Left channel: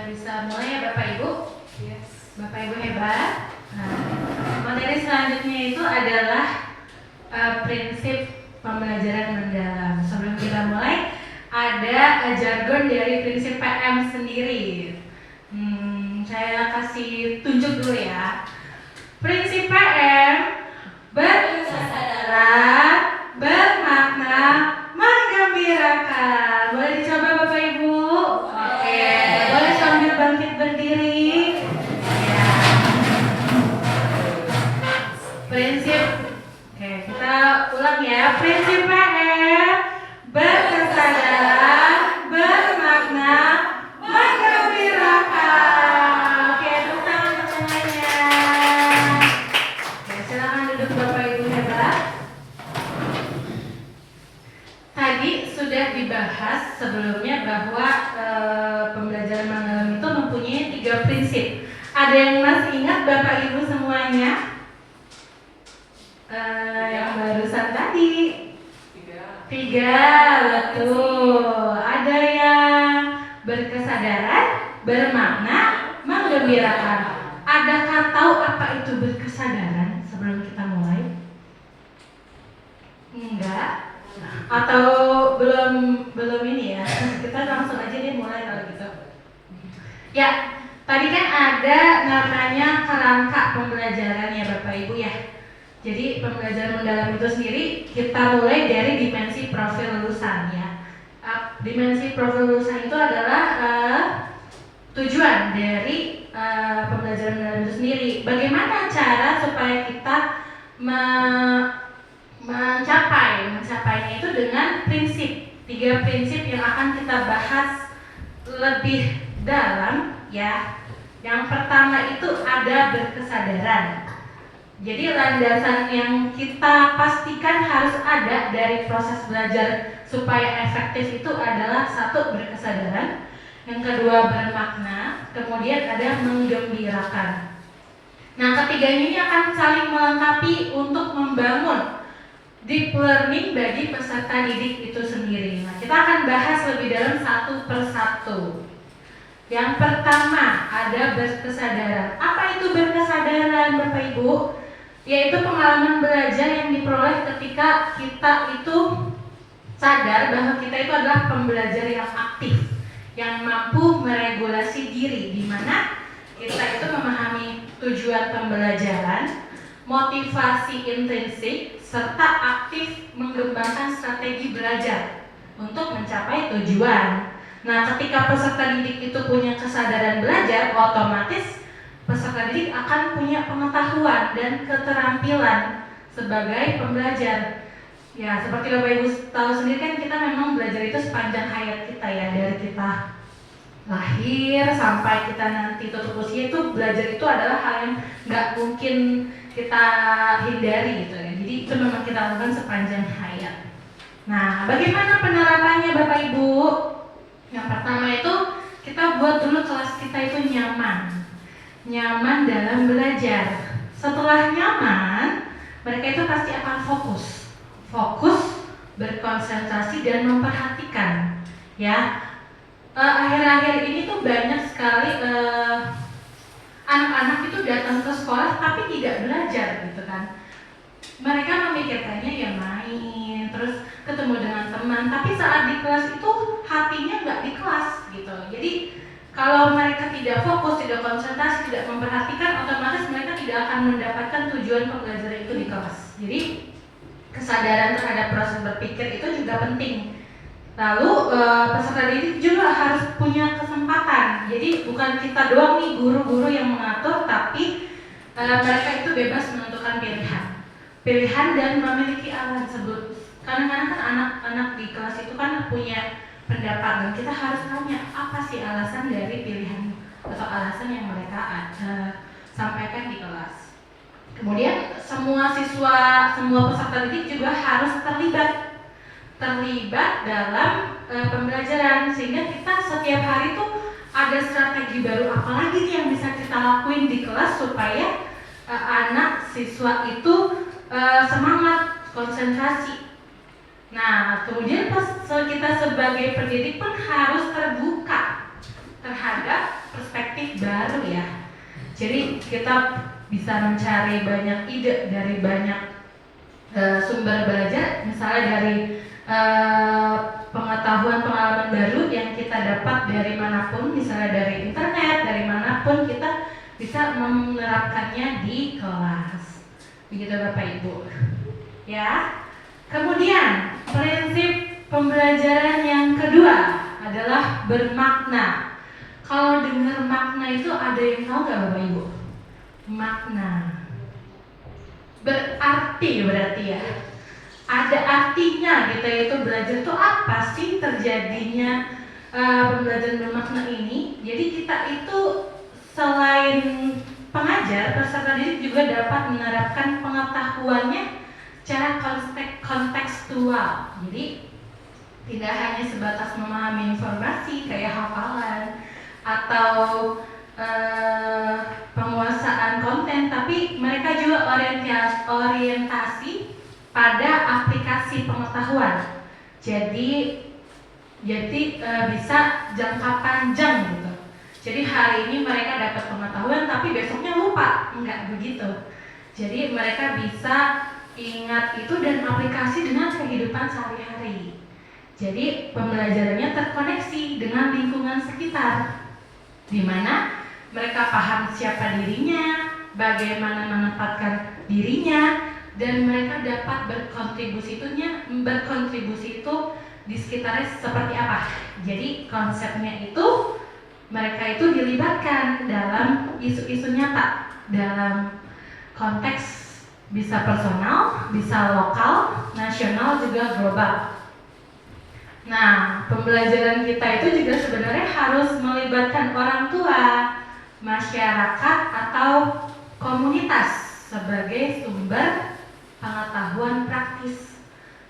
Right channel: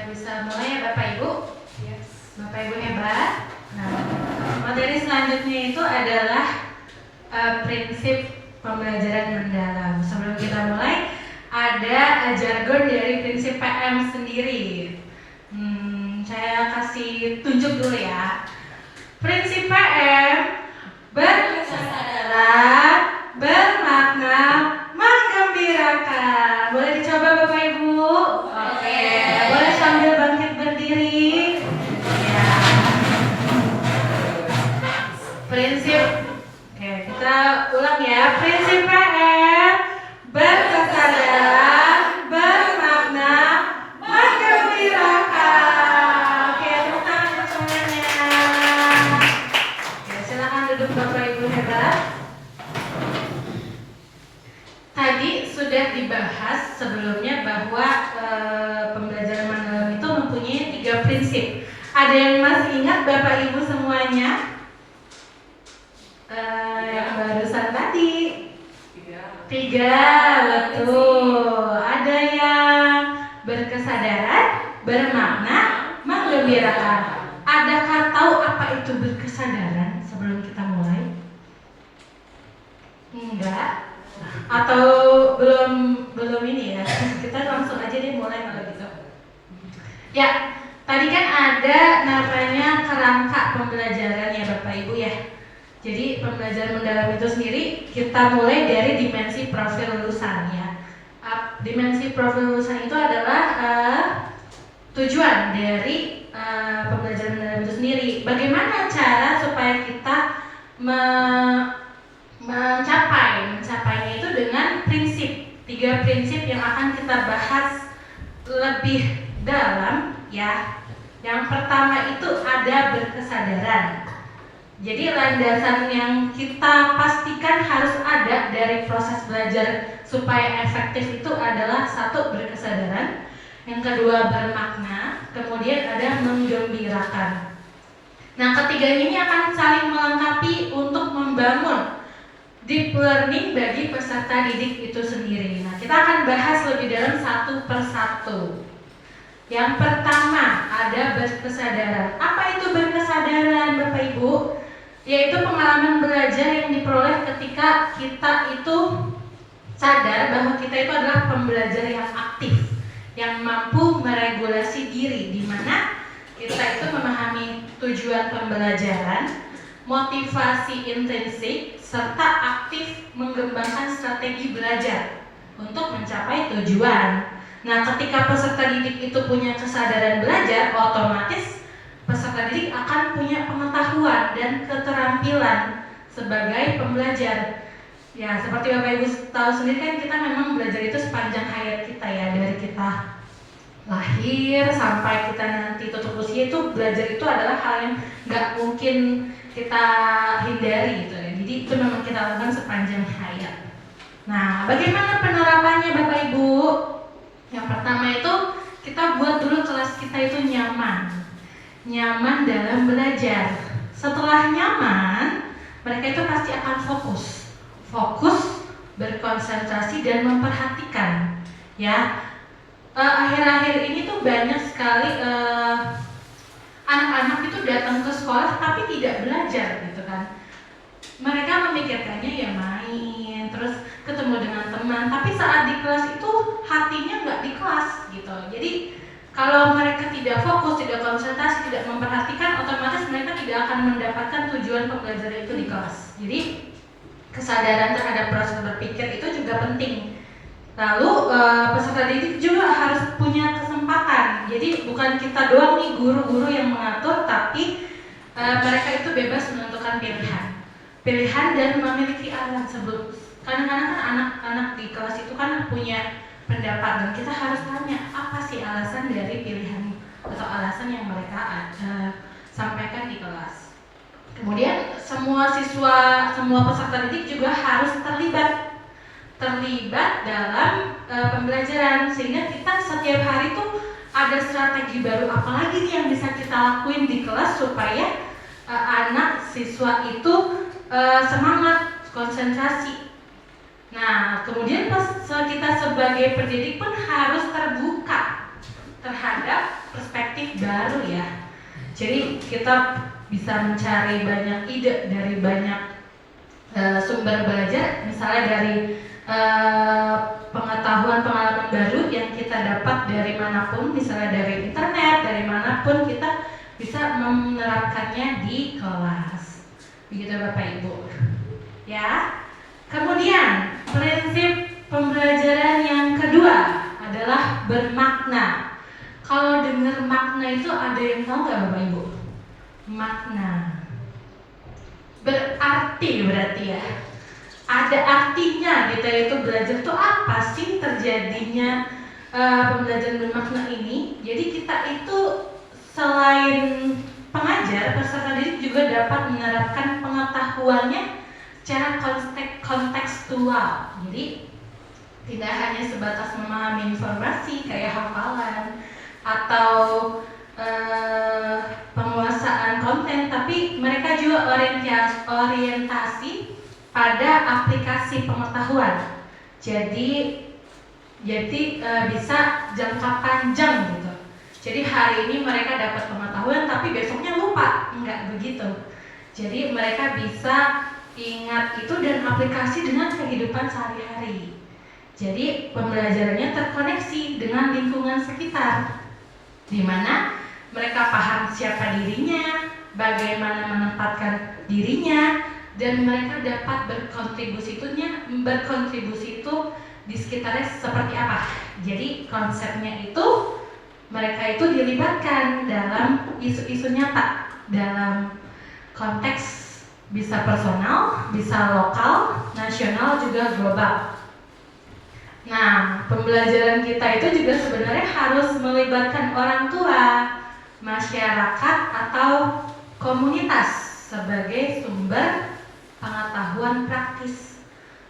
kita bisa mulai ya Bapak Ibu. Yes. Bapak Ibu hebat. Nah, materi selanjutnya itu adalah prinsip pembelajaran mendalam. Sebelum kita mulai, ada jargon dari prinsip PM sendiri. Saya kasih tunjuk dulu ya. Prinsip PM berkesadaran, bermakna, menggembirakan. Boleh dicoba Bapak Ibu? Oke. Boleh sambil bangkit berdiri. Ya. Prinsip. Oke, kita ulang ya. Prinsip PM berkesadaran, bermakna, menggembirakan. Oke, tepuk tangan untuk semuanya. Oke, silakan duduk Bapak Ibu hebat. Tadi sudah dibahas sebelumnya bahwa pembelajaran mendalam itu mempunyai 3 prinsip. Ada yang masih ingat Bapak Ibu semuanya? Yang barusan tadi 3, betul. Ada yang berkesadaran, bermakna, menggembirakan. Adakah tahu apa itu berkesadaran sebelum kita mulai? Enggak? Atau belum ini ya? Kita langsung aja deh mulai kalau gitu. Ya, tadi kan ada namanya kerangka pembelajaran ya Bapak Ibu ya. Jadi pembelajaran mendalam itu sendiri kita mulai dari dimensi profil lulusan ya. Dimensi profil lulusan itu adalah tujuan dari pembelajaran mendalam itu sendiri. Bagaimana cara supaya kita mencapainya itu dengan prinsip 3 prinsip yang akan kita bahas lebih dalam ya. Yang pertama itu ada berkesadaran. Jadi landasan yang kita pastikan harus ada dari proses belajar supaya efektif itu adalah 1 berkesadaran, yang kedua bermakna, kemudian ada menggembirakan. Nah, ketiganya ini akan saling melengkapi untuk membangun deep learning bagi peserta didik itu sendiri. Nah, kita akan bahas lebih dalam 1 per 1. Yang pertama ada berkesadaran. Apa itu berkesadaran Bapak Ibu? Yaitu pengalaman belajar yang diperoleh ketika kita itu sadar bahwa kita itu adalah pembelajar yang aktif, yang mampu meregulasi diri, di mana kita itu memahami tujuan pembelajaran, motivasi intrinsik, serta aktif mengembangkan strategi belajar untuk mencapai tujuan. Nah, ketika peserta didik itu punya kesadaran belajar, otomatis peserta didik akan punya pengetahuan dan keterampilan sebagai pembelajar. Ya, seperti Bapak Ibu tahu sendiri kan kita memang belajar itu sepanjang hayat kita ya, dari kita lahir sampai kita nanti tutup usia itu belajar itu adalah hal yang nggak mungkin kita hindari gitu ya. Jadi itu memang kita lakukan sepanjang hayat. Nah, bagaimana penerapannya Bapak Ibu? Yang pertama itu kita buat dulu kelas kita itu nyaman dalam belajar. Setelah nyaman, mereka itu pasti akan fokus, berkonsentrasi dan memperhatikan. Ya, akhir-akhir ini tuh banyak sekali anak-anak itu datang ke sekolah tapi tidak belajar gitu kan. Mereka memikirkannya ya main, terus ketemu dengan teman, tapi saat di kelas itu hatinya nggak di kelas gitu. Jadi kalau mereka tidak fokus, tidak konsentrasi, tidak memperhatikan, otomatis mereka tidak akan mendapatkan tujuan pembelajaran itu di kelas. Jadi kesadaran terhadap proses berpikir itu juga penting. Lalu peserta didik juga harus punya kesempatan. Jadi bukan kita doang nih guru-guru yang mengatur, tapi mereka itu bebas menentukan pilihan dan memiliki alasan. Kadang-kadang kan anak-anak di kelas itu kan punya pendapat dan kita harus tanya apa sih alasan dari pilihan atau alasan yang mereka sampaikan di kelas. Kemudian semua peserta didik juga harus terlibat dalam pembelajaran, sehingga kita setiap hari tuh ada strategi baru apalagi nih yang bisa kita lakuin di kelas supaya anak siswa itu semangat, konsentrasi. Nah, kemudian kita sebagai pendidik pun harus terbuka terhadap perspektif baru ya. Jadi kita bisa mencari banyak ide dari banyak sumber belajar, misalnya dari pengetahuan pengalaman baru yang kita dapat dari manapun, misalnya dari internet, dari manapun kita bisa menerapkannya di kelas. Begitu Bapak Ibu. Ya. Kemudian prinsip pembelajaran yang kedua adalah bermakna. Kalau dengar makna itu ada yang tahu nggak Bapak Ibu? Makna berarti ya. Ada artinya kita itu belajar itu apa sih terjadinya pembelajaran bermakna ini. Jadi kita itu selain pengajar, peserta didik juga dapat menerapkan pengetahuannya secara kontekstual. Jadi tidak hanya sebatas memahami informasi kayak hafalan atau penguasaan konten, tapi mereka juga orientasi pada aplikasi pengetahuan. Jadi bisa jangka panjang gitu. Jadi hari ini mereka dapat pengetahuan tapi besoknya lupa, enggak begitu. Jadi mereka bisa ingat itu dan aplikasi dengan kehidupan sehari-hari. Jadi pembelajarannya terkoneksi dengan lingkungan sekitar, di mana mereka paham siapa dirinya, bagaimana menempatkan dirinya, dan mereka dapat berkontribusi itu di sekitarnya seperti apa. Jadi konsepnya itu mereka itu dilibatkan dalam isu-isu nyata, dalam konteks bisa personal, bisa lokal, nasional, juga global. Nah, pembelajaran kita itu juga sebenarnya harus melibatkan orang tua, masyarakat, atau komunitas sebagai sumber pengetahuan praktis,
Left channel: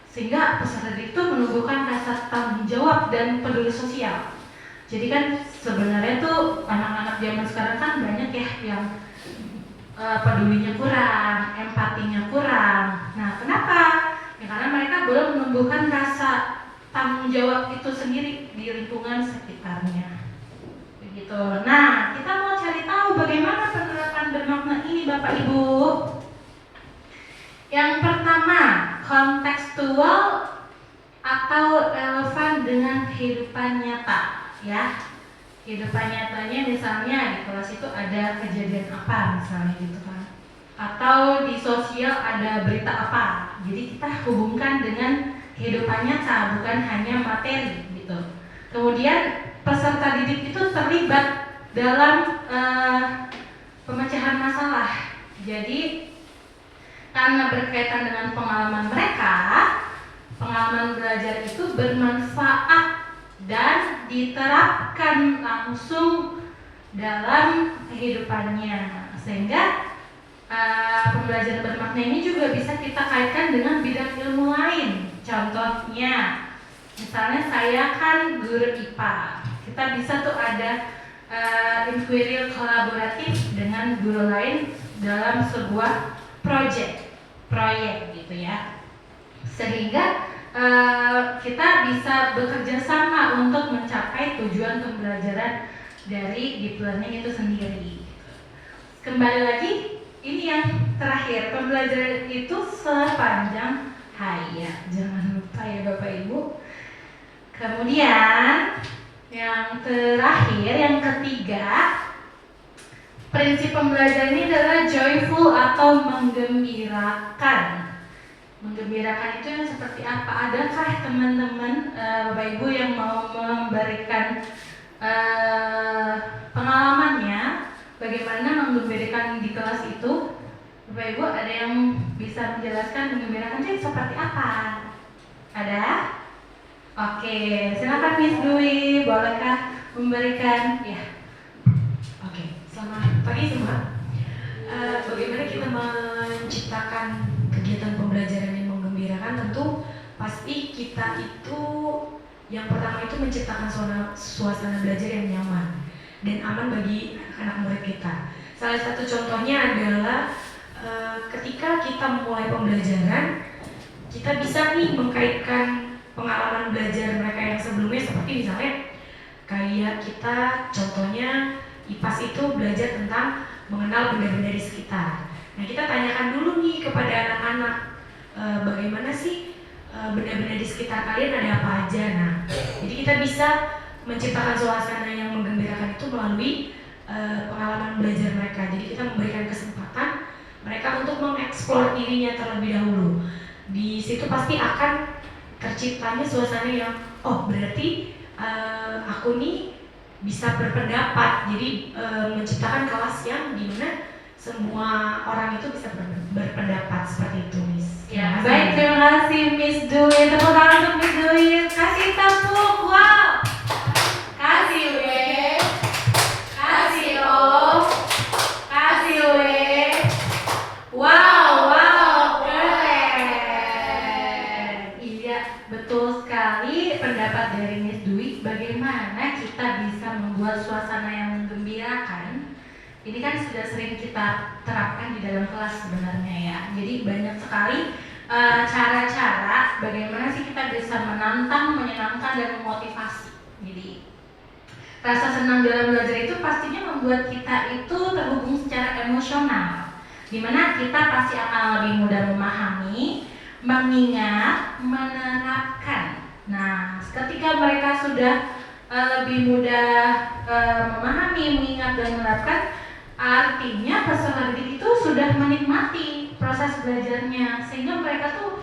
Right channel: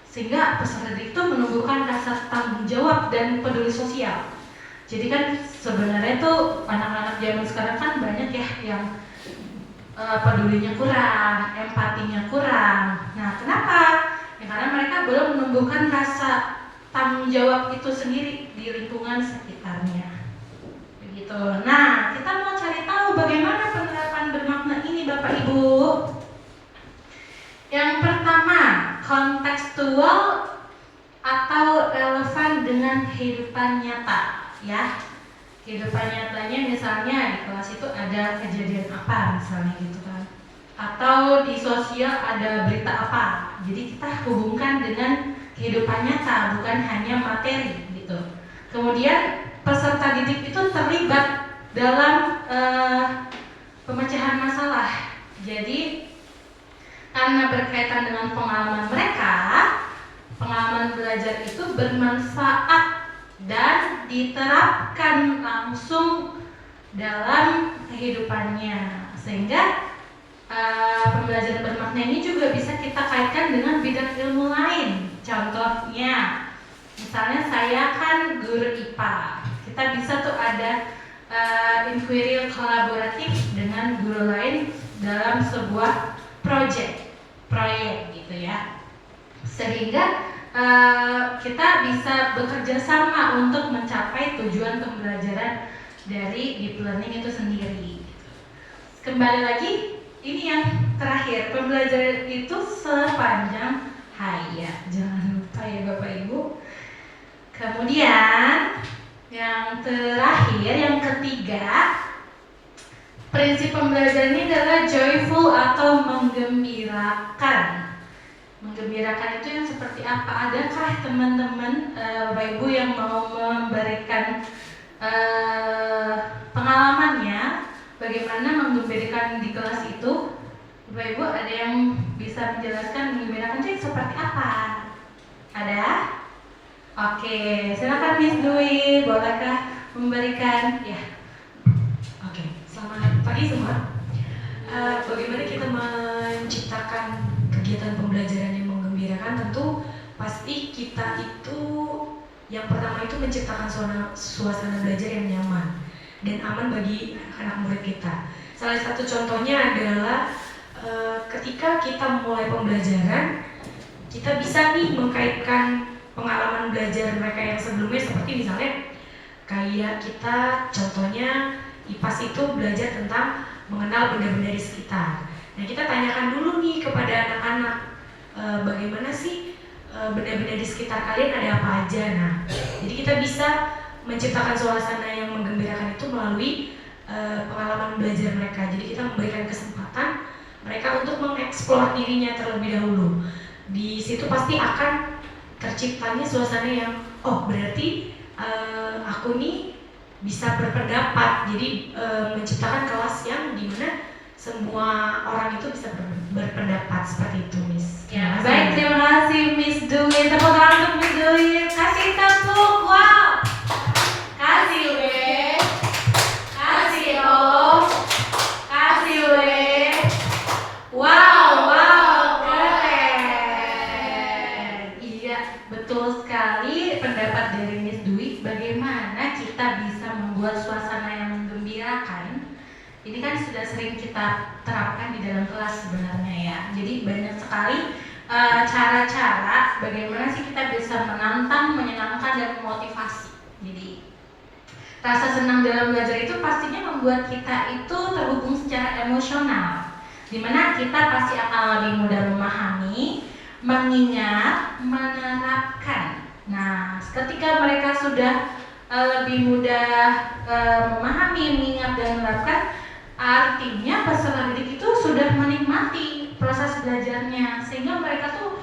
sehingga peserta didik itu menumbuhkan rasa tanggung jawab dan peduli sosial. Jadi kan sebenarnya tuh anak-anak zaman sekarang kan banyak ya yang pedulinya kurang, empatinya kurang. Nah, kenapa? Ya karena mereka belum menumbuhkan rasa tanggung jawab itu sendiri di lingkungan sekitarnya. Begitu. Nah, kita mau cari tahu bagaimana penerapan bermakna ini Bapak Ibu. Yang pertama, kontekstual atau relevan dengan kehidupan nyata, ya. Kehidupan nyatanya misalnya di kelas itu ada kejadian apa misalnya gitu kan, atau di sosial ada berita apa. Jadi kita hubungkan dengan kehidupan nyata, bukan hanya materi gitu. Kemudian peserta didik itu terlibat dalam pemecahan masalah. Jadi karena berkaitan dengan pengalaman mereka, pengalaman belajar itu bermanfaat dan diterapkan langsung dalam kehidupannya, sehingga pembelajaran bermakna ini juga bisa kita kaitkan dengan bidang ilmu lain. Contohnya, misalnya saya kan guru IPA, kita bisa tuh ada inquiry kolaboratif dengan guru lain dalam sebuah proyek gitu ya, sehingga kita bisa bekerja sama untuk mencapai tujuan pembelajaran dari deep learning itu sendiri. Kembali lagi, ini yang terakhir, pembelajaran itu sepanjang hayat, jangan lupa ya Bapak Ibu. Kemudian yang terakhir, yang ketiga, prinsip pembelajaran ini adalah joyful atau menggembirakan. Menggembirakan itu yang seperti apa? Adakah teman-teman Bapak Ibu yang mau memberikan pengalamannya bagaimana menggembirakan di kelas itu? Bapak Ibu ada yang bisa menjelaskan menggembirakan itu seperti apa? Ada? Oke, silakan Miss Dwi, bolehkah memberikan? Ya. Oke, selamat pagi semua. Bagaimana kita menciptakan kegiatan pembelajaran yang menggembirakan? Tentu pasti kita itu yang pertama itu menciptakan suasana belajar yang nyaman dan aman bagi anak-anak murid kita. Salah satu contohnya adalah ketika kita mulai pembelajaran, kita bisa nih mengkaitkan pengalaman belajar mereka yang sebelumnya, seperti misalnya kayak kita contohnya IPAS itu belajar tentang mengenal benda-benda di sekitar. Nah, kita tanyakan dulu nih kepada anak-anak, bagaimana sih benda-benda di sekitar kalian, ada apa aja. Nah, jadi kita bisa menciptakan suasana yang menggembirakan itu melalui pengalaman belajar mereka. Jadi kita memberikan kesempatan mereka untuk mengeksplor dirinya terlebih dahulu. Di situ pasti akan terciptanya suasana yang, oh berarti aku nih bisa berpendapat. Jadi menciptakan kelas yang dimana semua orang itu bisa berpendapat seperti itu, Miss. Ya, baik, terima kasih Miss Dwi. Tepuk tangan untuk Miss Dwi. Kasih tepuk, wow. Kasih W, kasih O, kasih W. Wow, keren. Iya, betul sekali pendapat dari Miss Dwi. Bagaimana kita bisa membuat suasana yang menggembirakan? Ini kan sudah sering kita terapkan di dalam kelas sebenarnya ya. Jadi banyak sekali cara-cara bagaimana sih kita bisa menantang, menyenangkan, dan memotivasi. Jadi rasa senang dalam belajar itu pastinya membuat kita itu terhubung secara emosional, dimana kita pasti akan lebih mudah memahami, mengingat, menerapkan. Nah, ketika mereka sudah lebih mudah memahami, mengingat, dan menerapkan, artinya peserta didik itu sudah menikmati proses belajarnya, sehingga mereka tuh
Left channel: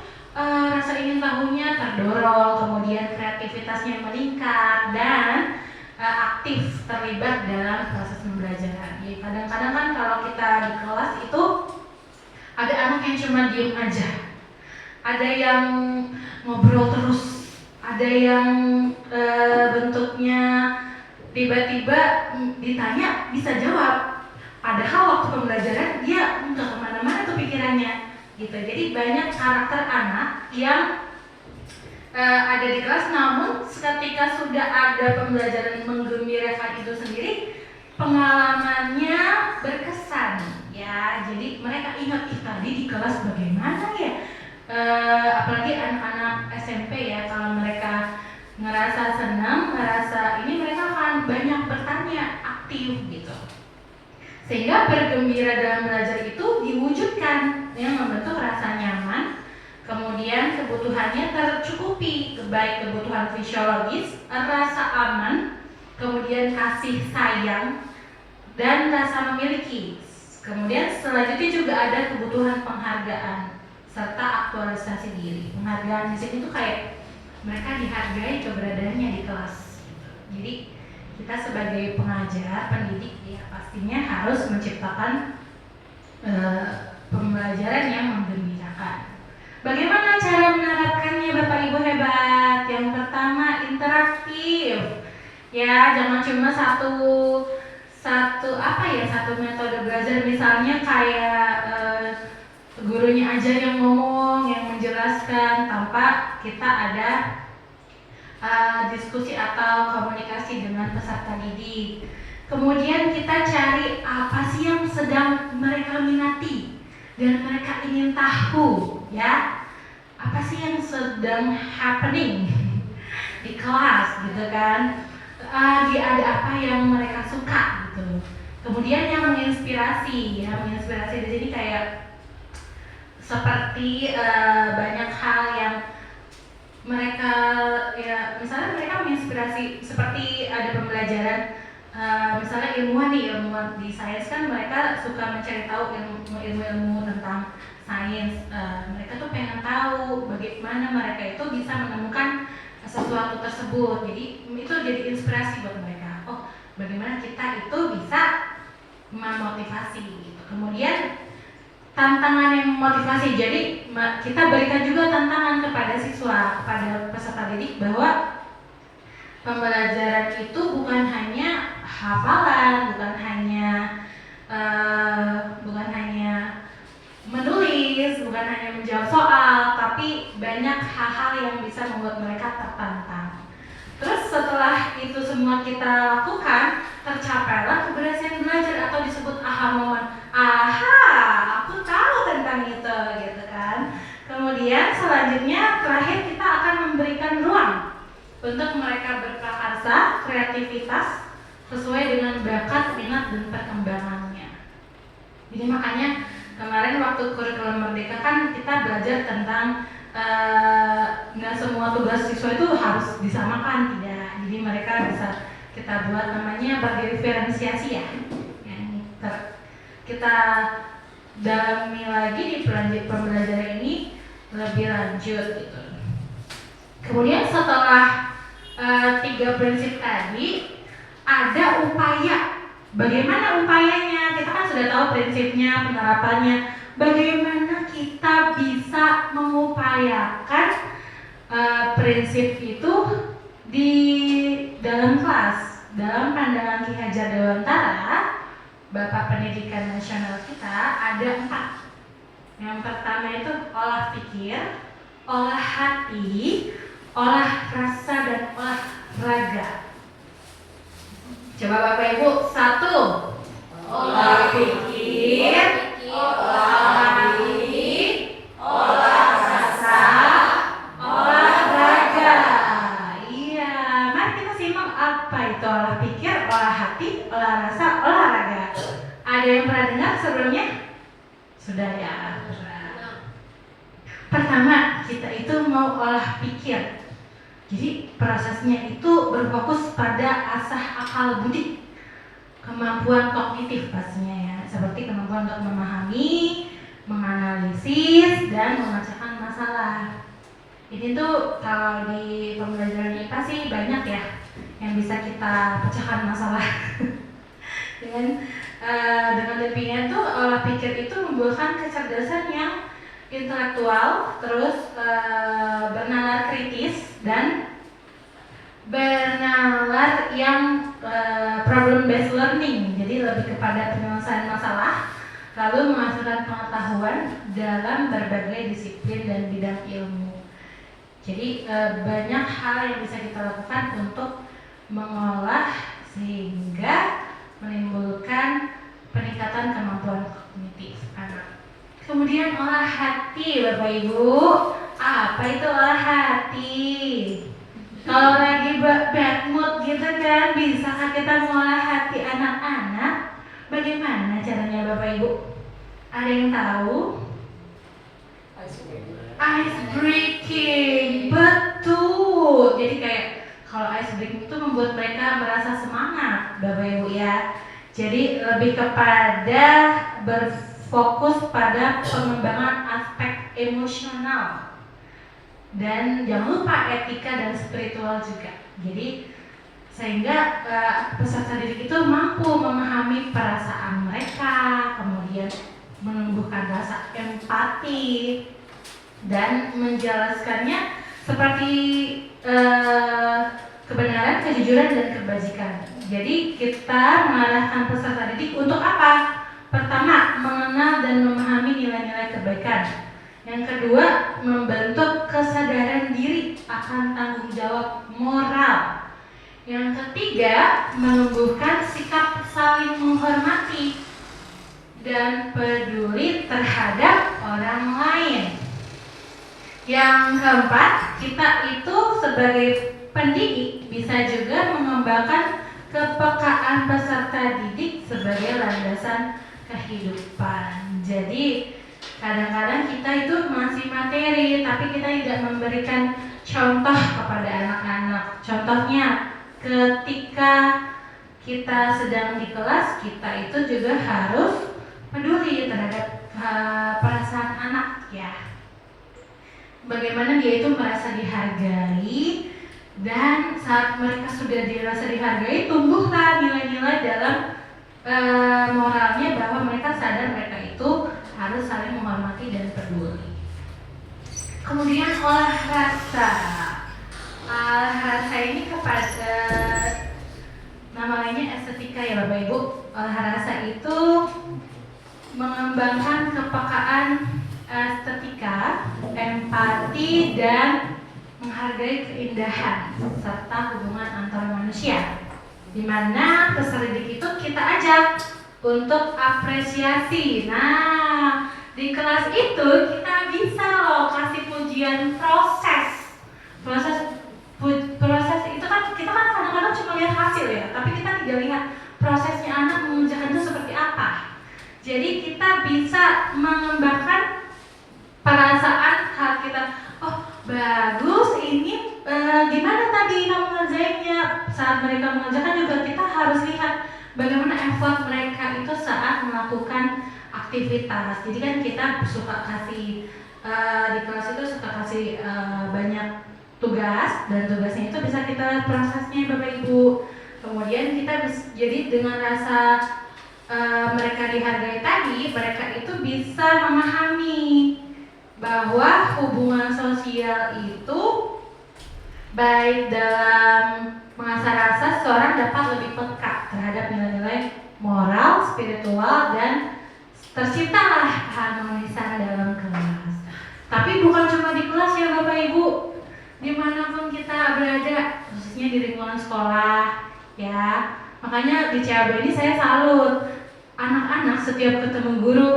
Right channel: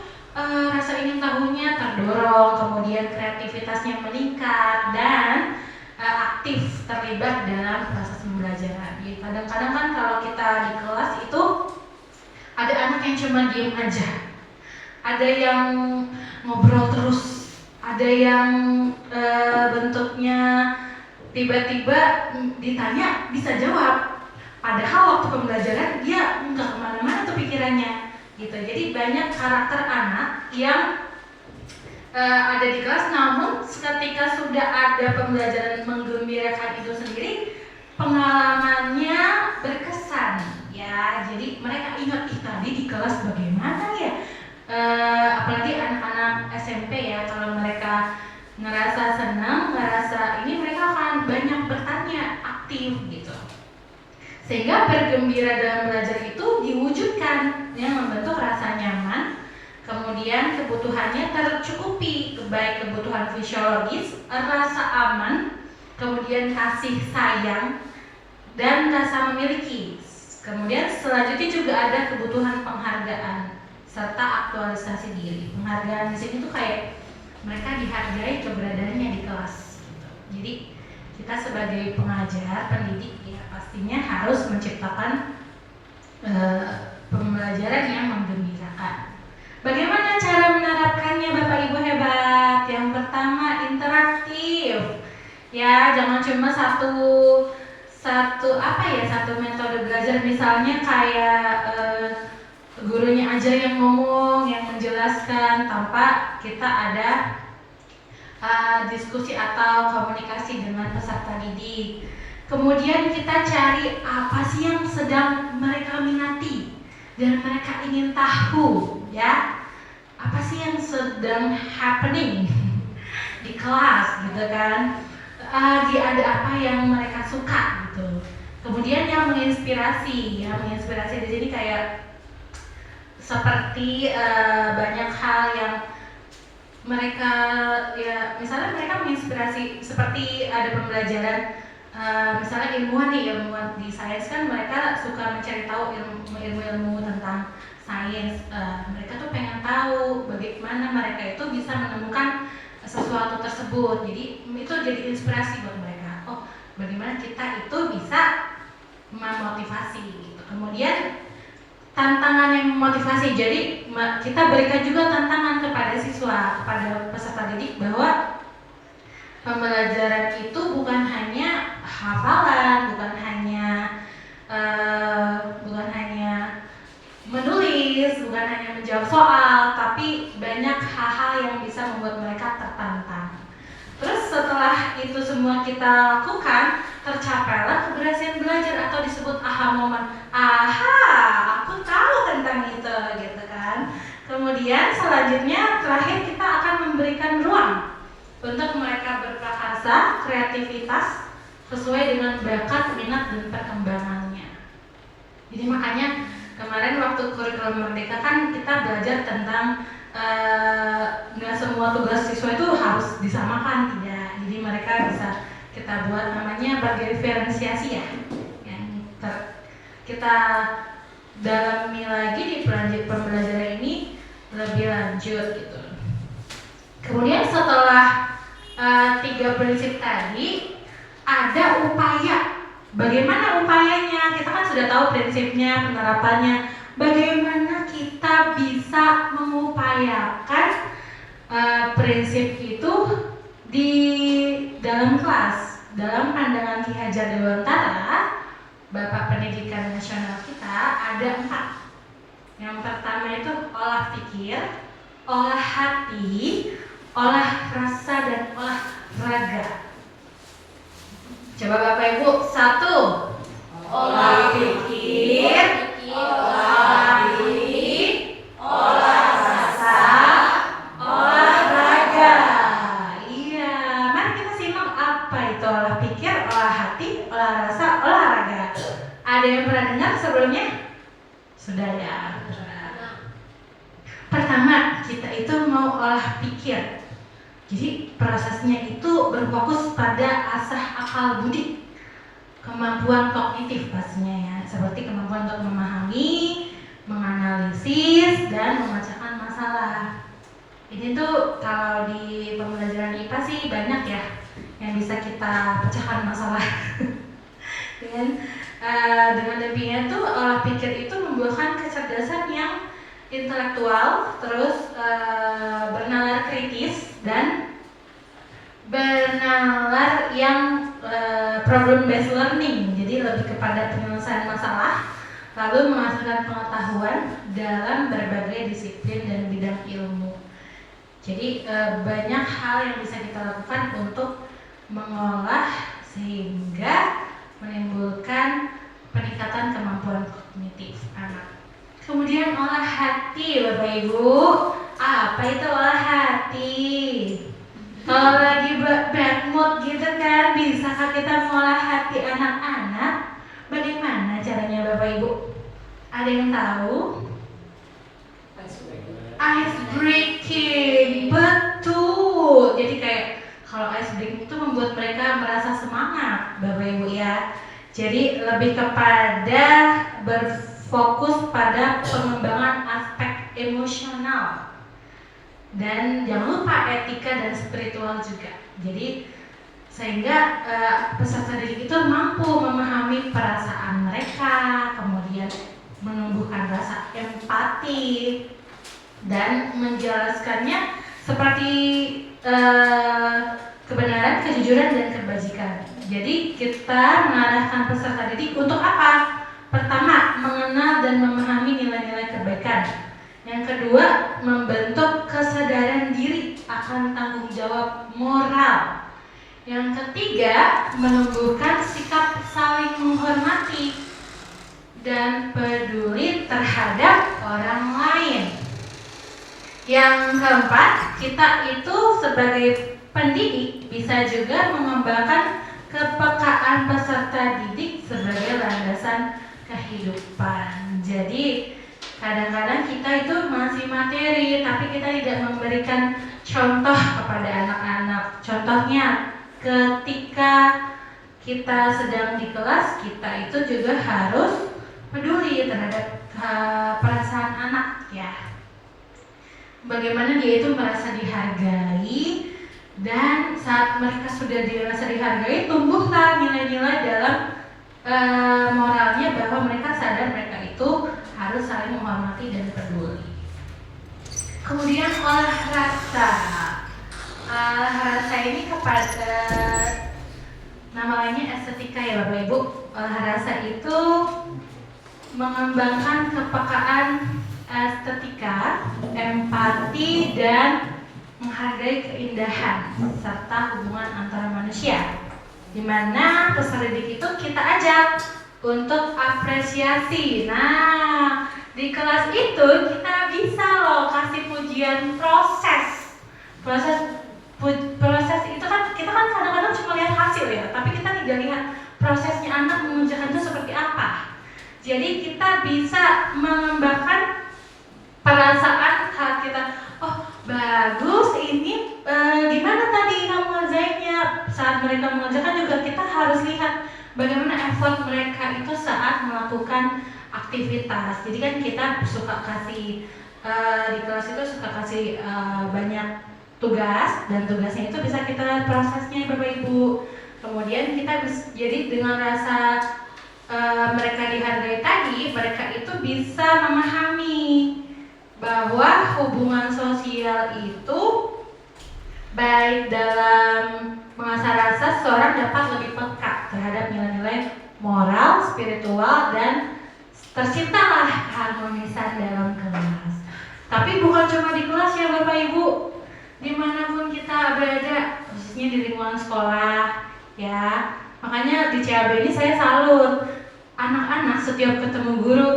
rasa ingin tahunya terdorong, kemudian kreativitasnya meningkat, dan aktif terlibat dalam proses pembelajaran. Jadi kadang-kadang kan kalau kita di kelas itu ada anak yang cuma diem aja, ada yang ngobrol terus, ada yang bentuknya tiba-tiba ditanya bisa jawab, padahal waktu pembelajaran dia nggak kemana-mana tuh pikirannya gitu. Jadi banyak karakter anak yang ada di kelas, namun ketika sudah ada pembelajaran menggembirakan itu sendiri, pengalamannya berkesan ya. Jadi mereka ingat, tadi di kelas bagaimana ya, apalagi anak-anak SMP ya, kalau mereka ngerasa senang, ngerasa ini, mereka akan banyak bertanya, aktif gitu, sehingga bergembira dalam belajar itu diwujudkan yang membentuk rasa nyaman. Kemudian kebutuhannya tercukupi, baik kebutuhan fisiologis, rasa aman, kemudian kasih sayang, dan rasa memiliki. Kemudian selanjutnya juga ada kebutuhan penghargaan serta aktualisasi diri. Penghargaan di sini tuh kayak mereka dihargai keberadaannya di kelas. Jadi kita sebagai pengajar, pendidik ya pastinya harus menciptakan pembelajaran yang menggembirakan. Bagaimana cara menerapkannya Bapak Ibu hebat? Yang pertama, interaktif. Ya, jangan cuma satu metode belajar, misalnya kayak gurunya aja yang ngomong, yang menjelaskan tanpa kita ada diskusi atau komunikasi dengan peserta didik. Kemudian kita cari apa sih yang sedang mereka minati dan mereka ingin tahu, ya. Apa sih yang sedang happening di kelas gitu kan. Dia ada apa yang mereka suka gitu. Kemudian yang menginspirasi, di sini kayak seperti banyak hal yang mereka, ya misalnya mereka menginspirasi, seperti ada pembelajaran misalnya ilmuwan di sains kan, mereka suka mencari tahu ilmu tentang sains. Mereka tuh pengen tahu bagaimana mereka itu bisa menemukan sesuatu tersebut. Jadi itu jadi inspirasi buat mereka. Oh, bagaimana kita itu bisa memotivasi gitu. Kemudian tantangan yang memotivasi. Jadi kita berikan juga tantangan kepada siswa, kepada peserta didik, bahwa pembelajaran itu bukan hanya hafalan, bukan hanya menulis, bukan hanya menjawab soal, tapi banyak hal-hal yang bisa membuat mereka tertantang. Terus setelah itu semua kita lakukan, tercapailah keberhasilan belajar atau disebut aha moment. Aha, aku tahu tentang itu, gitu kan. Kemudian selanjutnya terakhir kita akan memberikan ruang untuk mereka berprakarsa, kreativitas, sesuai dengan bakat, minat, dan perkembangannya. Jadi makanya kemarin waktu kurikulum Merdeka kan kita belajar tentang nggak semua tugas siswa itu harus disamakan, tidak. Jadi mereka bisa kita buat namanya berdiferensiasi ya, yang kita dalami lagi di pembelajaran ini lebih lanjut gitu. Kemudian setelah 3 prinsip tadi, ada upaya. Bagaimana upayanya? Kita kan sudah tahu prinsipnya, penerapannya. Bagaimana kita bisa mengupayakan prinsip itu di dalam kelas? Dalam pandangan Ki Hajar Dewantara, Bapak Pendidikan Nasional kita, ada 4. Yang pertama itu olah pikir, olah hati, olah rasa, dan olah raga. Coba Bapak Ibu, 1. Olah pikir, olah hati, olah rasa, olah raga. Iya, mari kita simak apa itu olah pikir, olah hati, olah rasa, olah raga. Ada yang pernah dengar sebelumnya? Sudah ya. Pertama, kita itu mau olah pikir. Jadi prosesnya itu berfokus pada asah akal budi, kemampuan kognitif pastinya ya, seperti kemampuan untuk memahami, menganalisis, dan memecahkan masalah. Ini tuh kalau di pembelajaran IPA sih banyak ya yang bisa kita pecahkan masalah. dengan demikian tuh olah pikir itu membuahkan kecerdasan yang intelektual, terus bernalar kritis, dan bernalar yang problem based learning. Jadi lebih kepada penyelesaian masalah, lalu menghasilkan pengetahuan dalam berbagai disiplin dan bidang ilmu. Jadi banyak hal yang bisa kita lakukan untuk mengolah sehingga menimbulkan peningkatan kemampuan kognitif anak. Kemudian olah hati, Bapak Ibu. Apa itu olah hati? Kalau lagi bad mood gitu kan, bisakah kita mengolah hati anak-anak? Bagaimana caranya Bapak Ibu? Ada yang tahu? Ice breaking, betul. Jadi kayak kalau ice breaking itu membuat mereka merasa semangat, Bapak Ibu ya. Jadi lebih kepada berfokus pada pengembangan aspek emosional, dan jangan lupa etika dan spiritual juga. Jadi sehingga peserta didik itu mampu memahami perasaan mereka, kemudian menumbuhkan rasa empati dan menjelaskannya seperti kebenaran, kejujuran, dan kebajikan. Jadi kita mengarahkan peserta didik untuk apa? Pertama, mengenal dan memahami nilai-nilai kebaikan. Yang kedua, membentuk kesadaran diri akan tanggung jawab moral. Yang ketiga, menumbuhkan sikap saling menghormati dan peduli terhadap orang lain. Yang keempat, kita itu sebagai pendidik bisa juga mengembangkan kepekaan peserta didik sebagai landasan kehidupan. Jadi kadang-kadang kita itu masih materi, tapi kita tidak memberikan contoh kepada anak-anak. Contohnya ketika kita sedang di kelas, kita itu juga harus peduli terhadap perasaan anak ya. Bagaimana dia itu merasa dihargai, dan saat mereka sudah dirasa dihargai, tumbuhlah nilai-nilai dalam moralnya bahwa mereka sadar mereka itu harus saling menghormati dan peduli. Kemudian olah rasa. Olah rasa ini kepada nama lainnya estetika ya Bapak Ibu. Olah rasa itu mengembangkan kepekaan estetika, empati, dan menghargai keindahan serta hubungan antara manusia, di mana peserta didik itu kita ajak untuk apresiasi. Nah, di kelas itu kita bisa loh kasih pujian proses itu kan kita kan kadang-kadang cuma lihat hasil ya, tapi kita tidak lihat bagus. Ini gimana tadi kamu ngerjainnya? Saat mereka mengerjakan juga kita harus lihat bagaimana effort mereka itu saat melakukan aktivitas. Jadi kan kita suka kasih di kelas itu suka kasih banyak tugas, dan tugasnya itu bisa kita lihat prosesnya Bapak Ibu. Kemudian kita jadi dengan rasa mereka dihargai tadi, mereka itu bisa memahami bahwa hubungan sosial itu baik dalam mengasah rasa seorang dapat lebih peka terhadap nilai-nilai moral, spiritual, dan terciptalah keharmonisan dalam kelas. Tapi bukan cuma di kelas ya Bapak Ibu, dimanapun kita berada, khususnya di lingkungan sekolah ya. Makanya di CAB ini saya salut, anak-anak setiap ketemu guru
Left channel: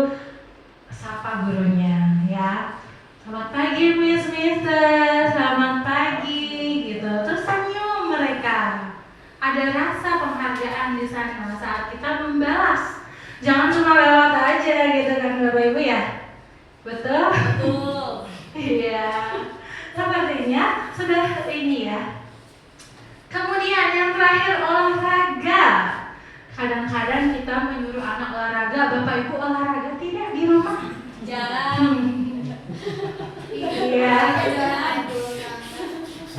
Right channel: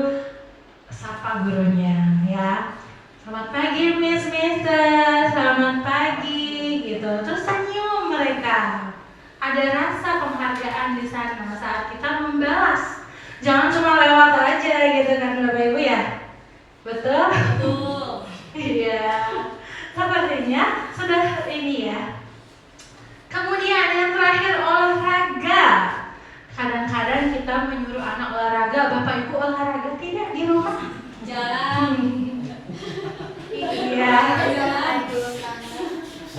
sapa gurunya ya, selamat pagi Miss Mister, selamat pagi gitu, terus senyum mereka. Ada rasa penghargaan di sana saat kita membalas, jangan cuma lewat aja gitu kan Bapak Ibu ya. Betul? Betul. Iya. Sepertinya sudah ini ya. Kemudian yang terakhir, olahraga. Kadang-kadang kita menyuruh anak olahraga, Bapak Ibu olahraga tidak di rumah? Jarang. Iya.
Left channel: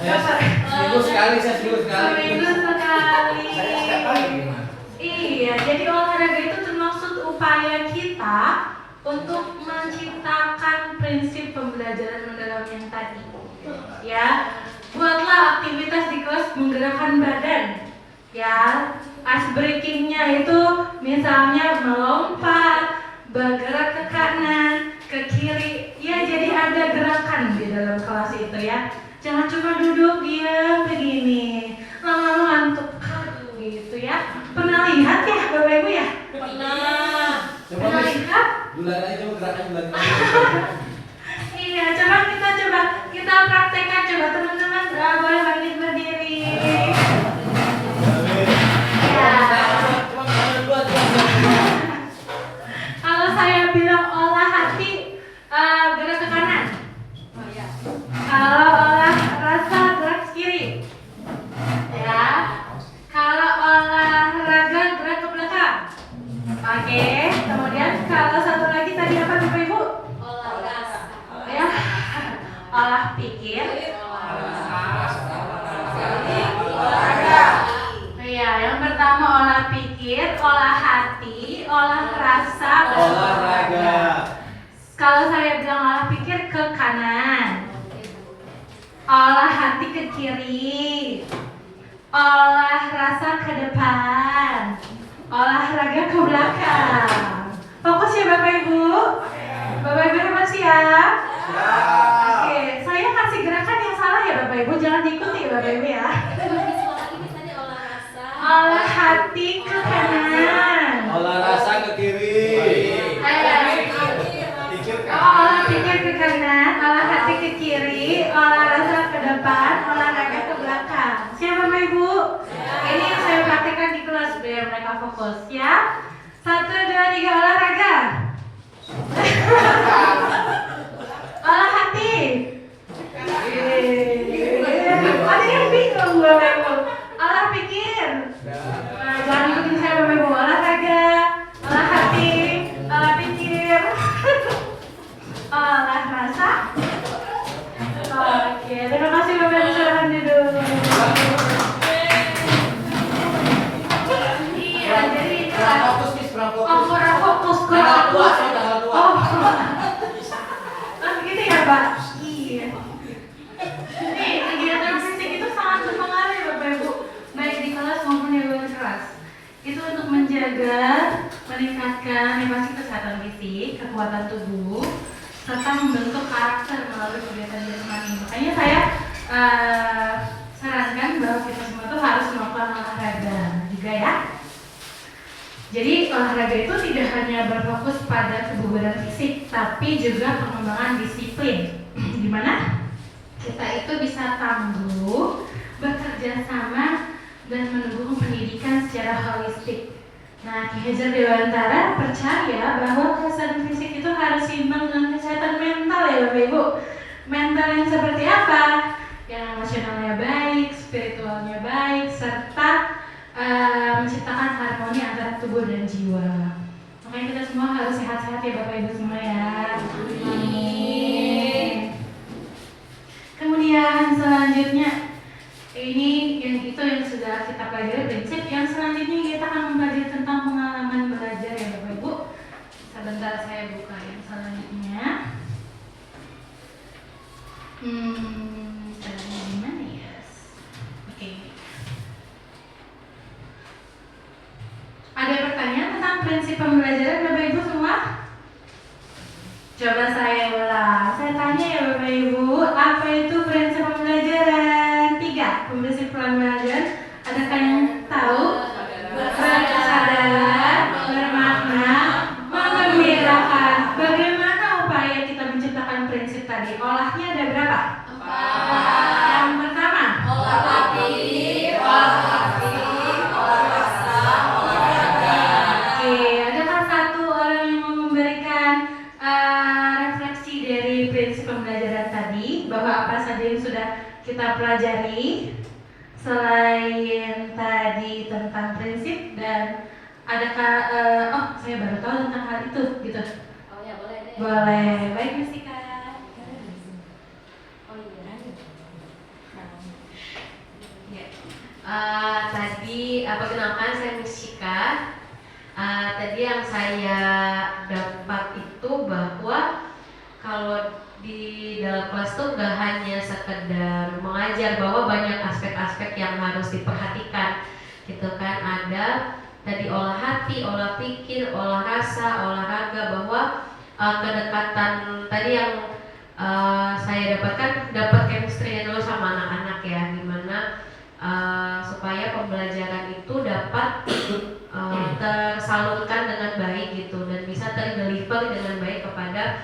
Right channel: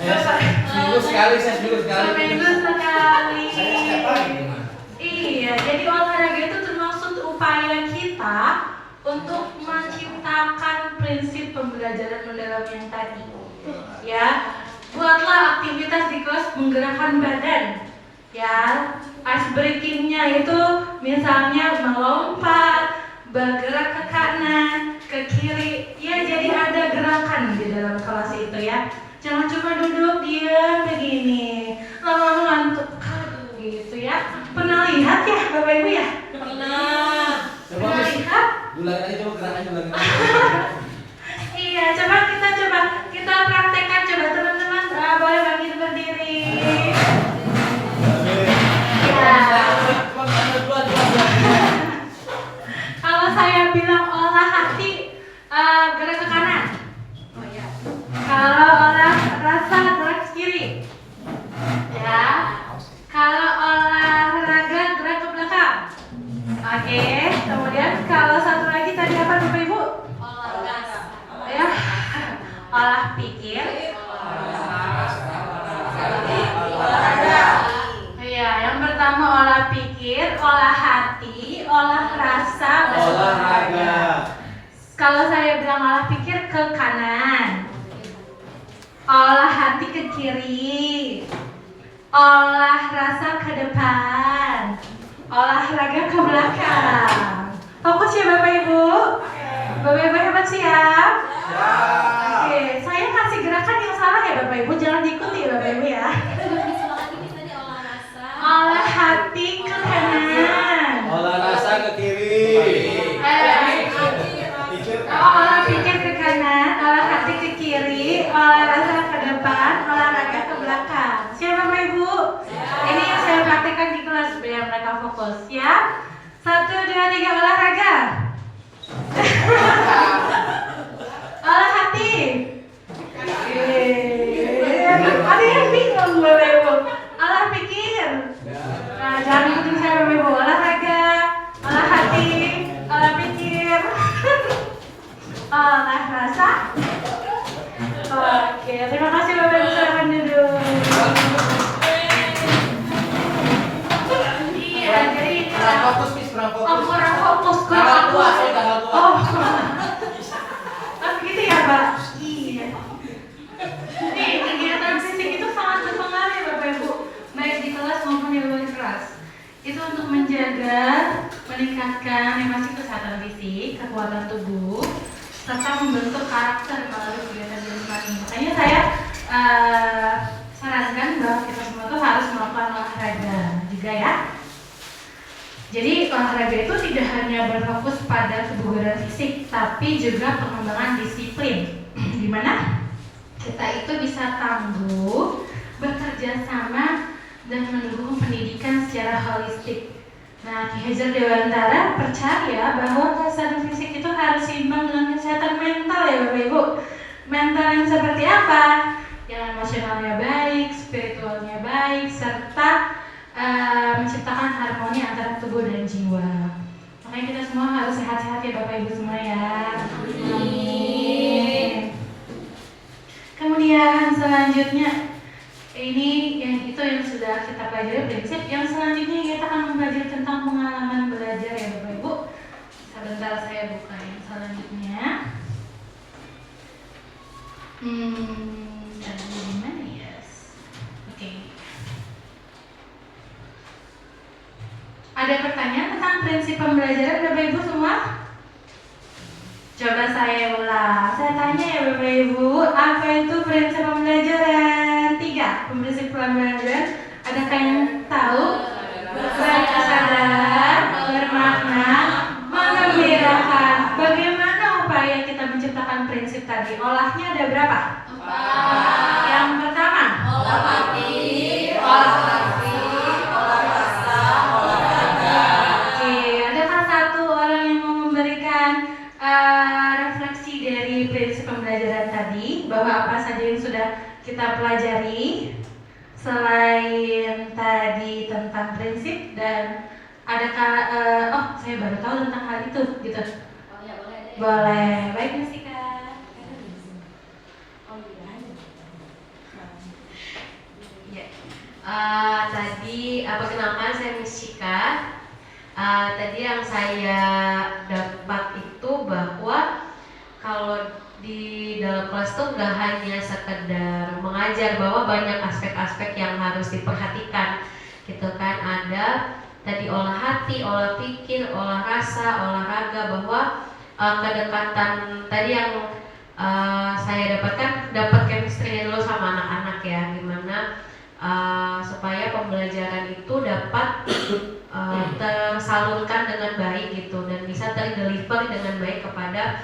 Seminggu sekali, saya seminggu sekali. Seminggu sekali. Saya setiap hari. Iya, jadi olahraga itu termasuk upaya kita untuk menciptakan prinsip pembelajaran mendalam yang tadi. Ya, buatlah aktivitas di kelas menggerakkan badan. Ya, ice breakingnya itu misalnya melompat, bergerak ke kanan, ke kiri. Ya, jadi ada gerakan di dalam kelas itu ya. Jangan cuma duduk diam begini, lama-lama ngantuk gitu ya. Pernah lihat ya Bapak Ibu ya? Pernah. Pernah lihat? Bulan aja coba gerakannya bulan. Iya, coba kita praktekkan, coba teman-teman boleh berdiri. Ya. Kalau saya bilang olah hati, gerak ke kanan. Oh iya. Kalau olah rasa, gerak ke kiri. Ya. Kalau olahraga, gerak ke belakang. Oke. Kemudian kalau satu lagi tadi apa Bapak Ibu? Olahraga. Ya. Olah pikir. Iya, yang pertama olah pikir, olah hati, olah rasa, Olahraga. Kalau saya bilang olah pikir ke kanan, olah hati ke kiri, olah rasa ke depan, olahraga ke belakang. Fokus ya Bapak Ibu. Bapak Ibu hebat siap? Oke, saya kasih gerakan yang salah ya Bapak Ibu, jangan diikuti Bapak Ibu ya. Olah hati ke kanan. Olah rasa ke kiri. Pikir Olah pikir ke kanan, olah hati ke kiri, olah rasa ke depan, olahraga ke belakang. Siap Bapak Ibu? Ini yang saya praktekkan di kelas biar mereka fokus ya. 1, 2, 3 olahraga. Olah hati. Ada yang bingung Bapak Ibu. Olah pikir. Nah, jangan ikutin saya Bapak Ibu. Olahraga, olah hati, olah pikir, olah rasa. Oke, terima kasih Bapak Ibu, silakan duduk. Iya, jadi kurang fokus nih, kurang fokus. kurang fokus ke Tanggal aku. tua, saya tanggal tua. Oh, begitu ya Pak? Iya. Nih, kegiatan fisik itu sangat berpengaruh ya Bapak Ibu, baik di kelas maupun di luar kelas. Itu untuk menjaga, meningkatkan kesehatan fisik, kekuatan tubuh, serta membentuk karakter melalui kegiatan jasmani. Makanya saya sarankan bahwa kita semua tuh harus melakukan olahraga juga ya. Jadi olahraga itu tidak hanya berfokus pada kebugaran fisik, tapi juga pengembangan disiplin, di mana kita itu bisa tangguh, bekerja sama, dan mendukung pendidikan secara holistik. Nah, Ki Hajar Dewantara percaya bahwa kesehatan fisik itu harus seimbang dengan kesehatan mental ya Bapak Ibu. mental yang seperti apa? Yang emosionalnya baik, spiritualnya baik, serta menciptakan harmoni antara tubuh dan jiwa. Makanya kita semua harus sehat-sehat ya Bapak Ibu semua ya. Amin. Kemudian selanjutnya ini yang sudah kita pelajari prinsip. Yang selanjutnya kita akan mempelajari tentang pengalaman belajar ya Bapak Ibu. Sebentar saya buka yang selanjutnya. Caranya gimana ya? Oke. Ada pertanyaan tentang prinsip pembelajaran Bapak Ibu semua? Coba saya ulang. Saya tanya ya Bapak Ibu, apa itu prinsip pembelajaran? 3. Prinsip pembelajaran. Adakah yang tahu? Berkesadaran, bermakna, menggembirakan. Bagaimana upaya kita menciptakan prinsip tadi? Olahnya ada berapa? 4. Yang pertama, Olah hati, olah hati, olah rasa, olah raga. oke, adakah satu orang yang mau memberikan refleksi dari prinsip pembelajaran tadi, bahwa apa saja yang sudah kita pelajari selain tadi tentang prinsip, dan adakah saya baru tahu tentang hal itu gitu. Oh ya boleh deh. Boleh, baik Mas Ika. Oh iya. Ya. Tadi perkenalkan saya Miss Shika. Tadi yang saya dapat itu bahwa kalau di dalam kelas tuh gak hanya sekedar mengajar, bahwa banyak aspek-aspek yang harus diperhatikan gitu kan. Ada tadi olah hati, olah pikir, olah rasa, olahraga, bahwa kedekatan tadi yang saya dapat chemistry-nya dulu sama anak-anak ya, gimana supaya pembelajaran itu dapat tersalurkan dengan baik gitu, dan bisa terdeliver dengan baik kepada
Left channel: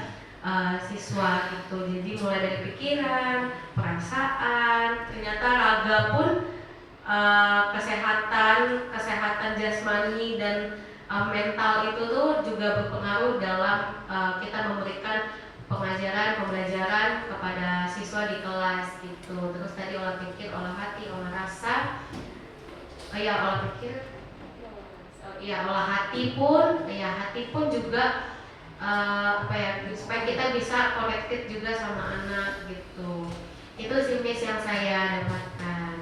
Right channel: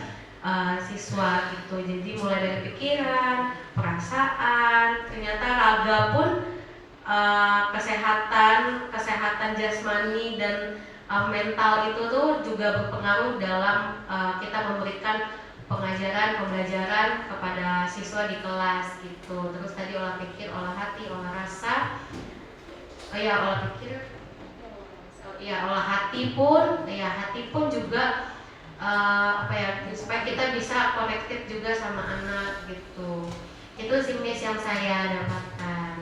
siswa gitu. Jadi mulai dari pikiran, perasaan, ternyata raga pun kesehatan jasmani dan mental itu tuh juga berpengaruh dalam kita memberikan pembelajaran kepada siswa di kelas gitu. Terus tadi olah pikir, olah hati, olah rasa, olah pikir, olah hati pun juga supaya kita bisa connected juga sama anak gitu. Itu sih Miss yang saya dapatkan.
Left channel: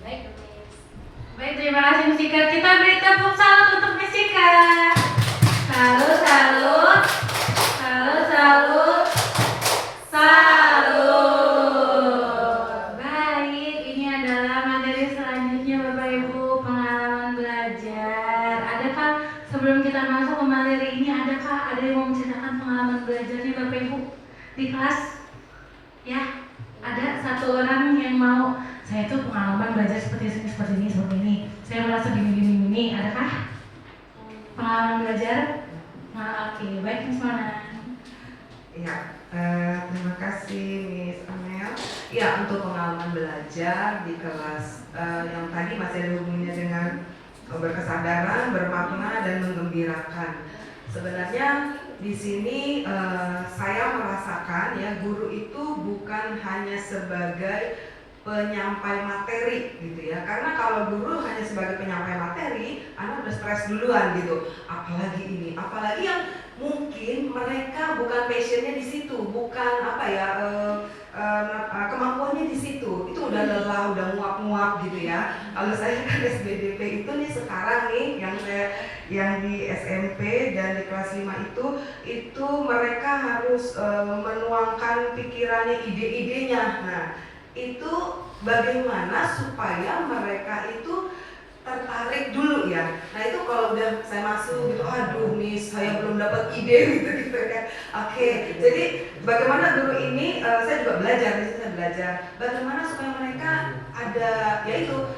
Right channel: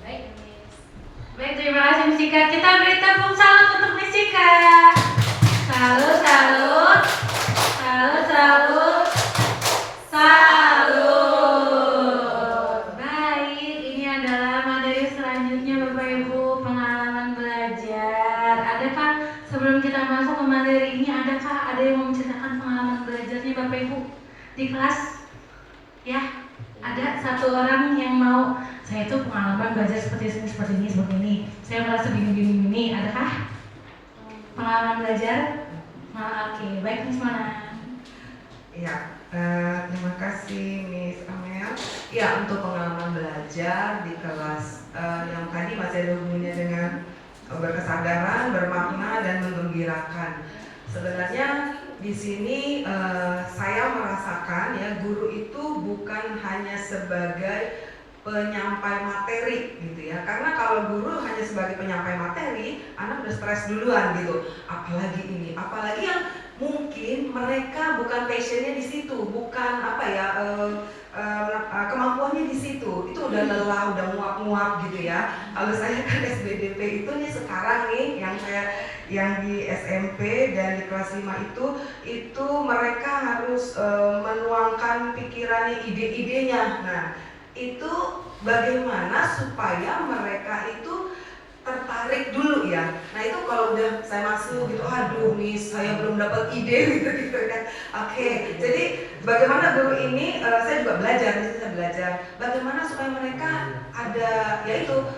Baik, Miss. Baik, terima kasih Miss Ika. Kita beri tepuk salut untuk Miss Ika. Salut, salut, salut, salut, salut. Baik, ini adalah materi selanjutnya Bapak Ibu, pengalaman belajar. Adakah sebelum kita masuk ke materi ini, adakah ada yang mau menceritakan pengalaman belajarnya Bapak Ibu di kelas? Ya, ada satu orang yang mau, saya tuh pengalaman belajar seperti ini. Saya merasa gini. Adakah pengalaman belajar? Nah, oke, baik Miss Mana. Ya, terima kasih Miss Amel. Ya, untuk pengalaman belajar di kelas yang tadi masih ada hubungannya dengan berkesadaran, bermakna, dan menggembirakan. Sebenarnya di sini saya merasakan ya, guru itu bukan hanya sebagai penyampai materi gitu ya. Karena kalau guru hanya sebagai penyampai materi, anak udah stres duluan gitu. Apalagi yang mungkin mereka bukan passionnya di situ, bukan kemampuannya di situ. Itu udah lelah, udah nguap-nguap gitu ya. Kalau saya kan SBDP itu nih sekarang nih yang di SMP dan di kelas 5 itu mereka harus menuangkan pikirannya, ide-idenya. Nah, itu bagaimana supaya mereka itu tertarik dulu ya. Nah itu kalau udah saya masuk gitu, aduh Miss, saya belum dapat ide gitu ya. Oke, jadi bagaimana guru ini, saya juga belajar bagaimana supaya mereka ada, yaitu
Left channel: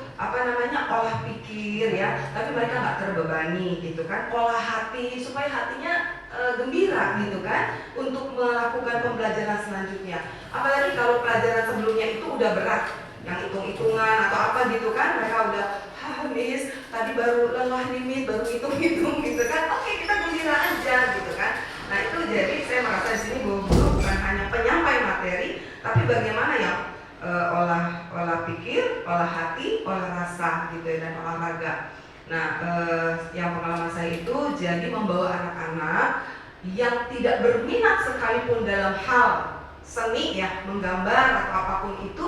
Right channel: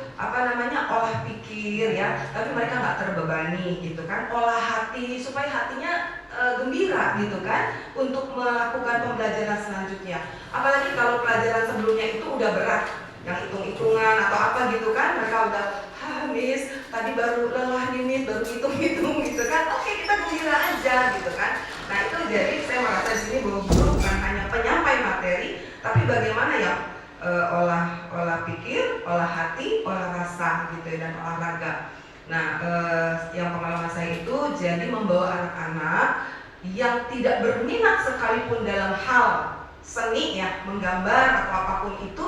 olah pikir ya, tapi mereka nggak terbebani gitu kan, olah hati supaya hatinya gembira gitu kan, untuk melakukan pembelajaran selanjutnya. Apalagi kalau pelajaran sebelumnya itu udah berat, yang hitung-hitungan atau apa gitu kan, mereka udah, Miss, tadi baru lelah nih Miss, baru hitung-hitung gitu kan. Oke, kita gembira aja gitu kan. Nah itu jadi saya merasa di sini bahwa guru bukan hanya penyampai materi, tapi bagaimana ya olah pikir, olah hati, olah rasa gitu ya, dan olahraga. Nah yang pengalaman saya itu jadi membawa anak-anak yang tidak berminat sekalipun dalam hal seni ya, menggambar atau apapun itu,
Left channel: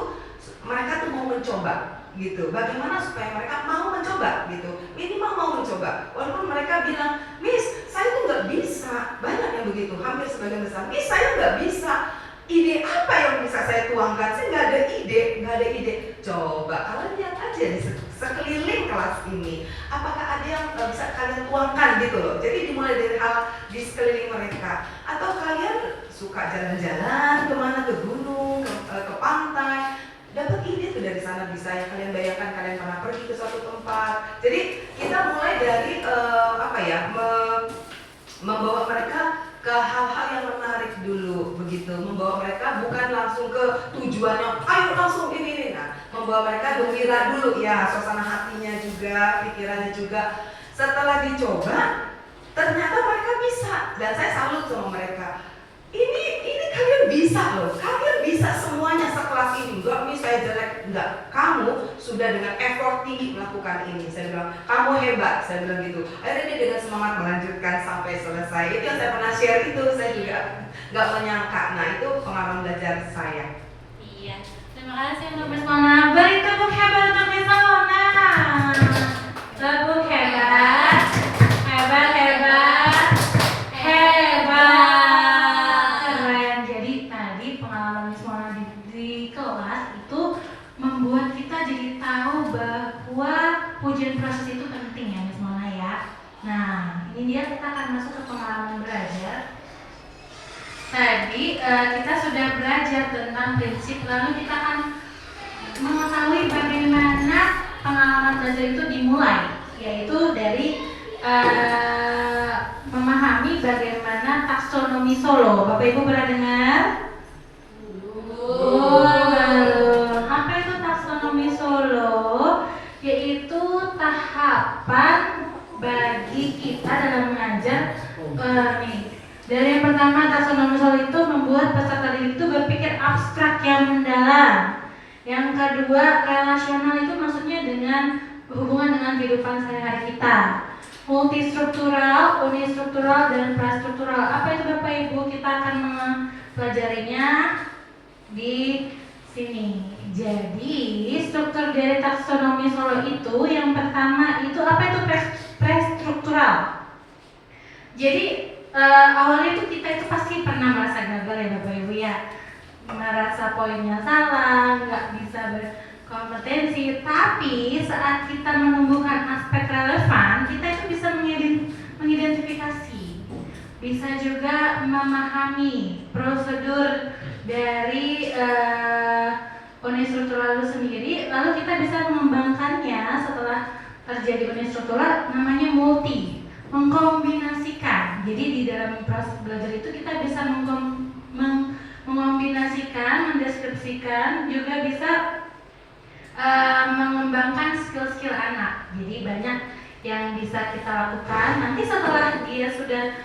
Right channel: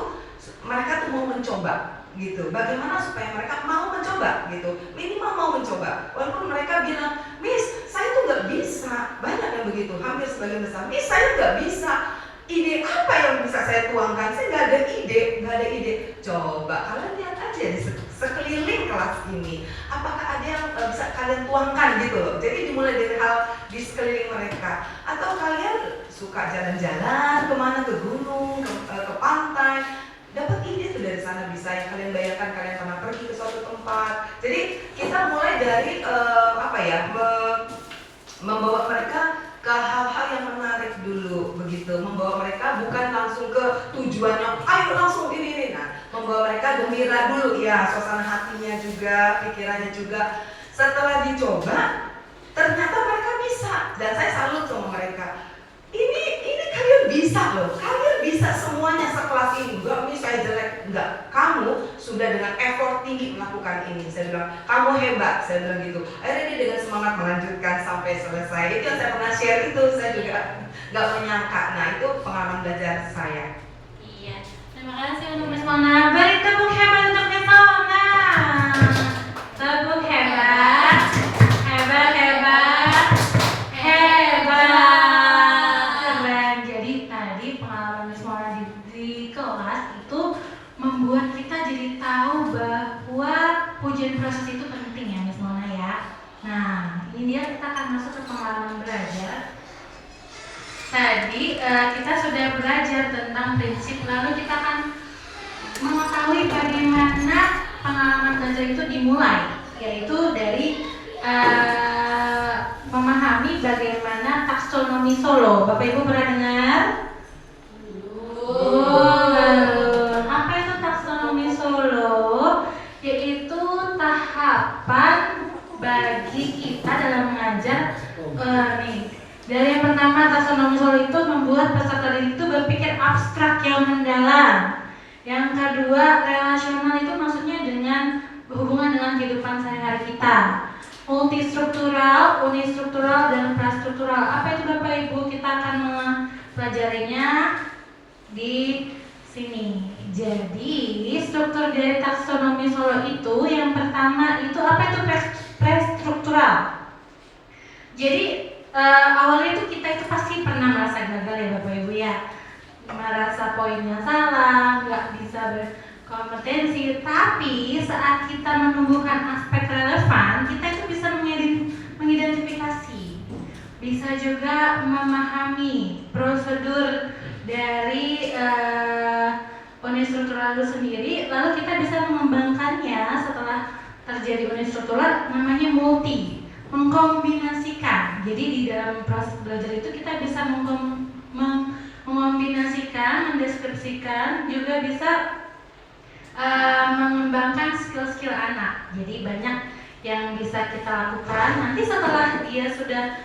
mereka tuh mau mencoba gitu. Bagaimana supaya mereka mau mencoba gitu, minimal mau mencoba. Walaupun mereka bilang, Miss, saya tuh nggak bisa, banyak yang begitu, hampir sebagian besar. Miss, saya nggak bisa. Ide apa yang bisa saya tuangkan? Saya nggak ada ide. Coba kalian lihat aja di sekeliling kelas ini, apakah ada yang bisa kalian tuangkan gitu loh. Jadi dimulai dari hal di sekeliling mereka. Atau kalian suka jalan-jalan kemana, ke gunung, ke pantai, dapat ide tuh dari sana bisa yang kalian bayangkan kalian pernah pergi ke suatu tempat. Jadi kita mulai dari membawa mereka ke hal-hal yang menarik dulu begitu, membawa mereka bukan langsung ke tujuannya ayo langsung ini. Nah, membawa mereka gembira dulu ya, suasana hatinya juga, pikirannya juga. Setelah dicoba ternyata mereka bisa, dan saya salut sama mereka. Ini kalian bisa loh, kalian bisa semuanya sekelas ini. Enggak, Miss, saya jelek. Enggak, kamu sudah dengan effort tinggi melakukan ini. Saya bilang, kamu hebat, saya bilang gitu. Akhirnya dia dengan semangat melanjutkan sampai selesai. Itu yang saya pernah share itu, saya juga enggak menyangka. Nah itu pengalaman belajar saya. Iya, terima kasih untuk Miss Mona. Beri tepuk hebat untuk Miss Mona. Tepuk hebat. Membuat kita jadi tahu bahwa pujian proses itu penting ya Miss Mona ya. Nah ini dia, kita akan masuk ke pengalaman belajar. Tadi kita sudah belajar tentang prinsip, lalu kita akan mengetahui bagaimana pengalaman belajar itu dimulai, yaitu dari memahami bagaimana taksonomi Solo. Bapak Ibu pernah dengar? Yaitu tahapan bagi kita dalam mengajar. Dari yang pertama, taksonomi Solo itu membuat peserta didik itu berpikir abstrak yang mendalam. Yang kedua, relasional itu maksudnya dengan berhubungan dengan kehidupan sehari-hari kita. Multistruktural, unistruktural, dan prastruktural. Apa itu Bapak Ibu? Kita akan mempelajarinya di sini. Jadi struktur dari taksonomi Solo itu yang pertama itu apa itu prestruktural. Jadi awalnya itu kita itu pasti pernah merasa gagal ya Bapak Ibu ya, merasa poinnya salah, nggak bisa berkompetensi. Tapi saat kita menumbuhkan aspek relevan, kita itu bisa mengidentifikasi, bisa juga memahami prosedur dari unistruktural itu sendiri, lalu kita bisa mengembangkannya setelah terjadi unistruktural, namanya multi, mengkombinasikan. Jadi di dalam proses belajar itu kita bisa mengombinasikan, mendeskripsikan, juga bisa mengembangkan skill-skill anak. Jadi banyak yang bisa kita lakukan. Nanti setelah dia sudah,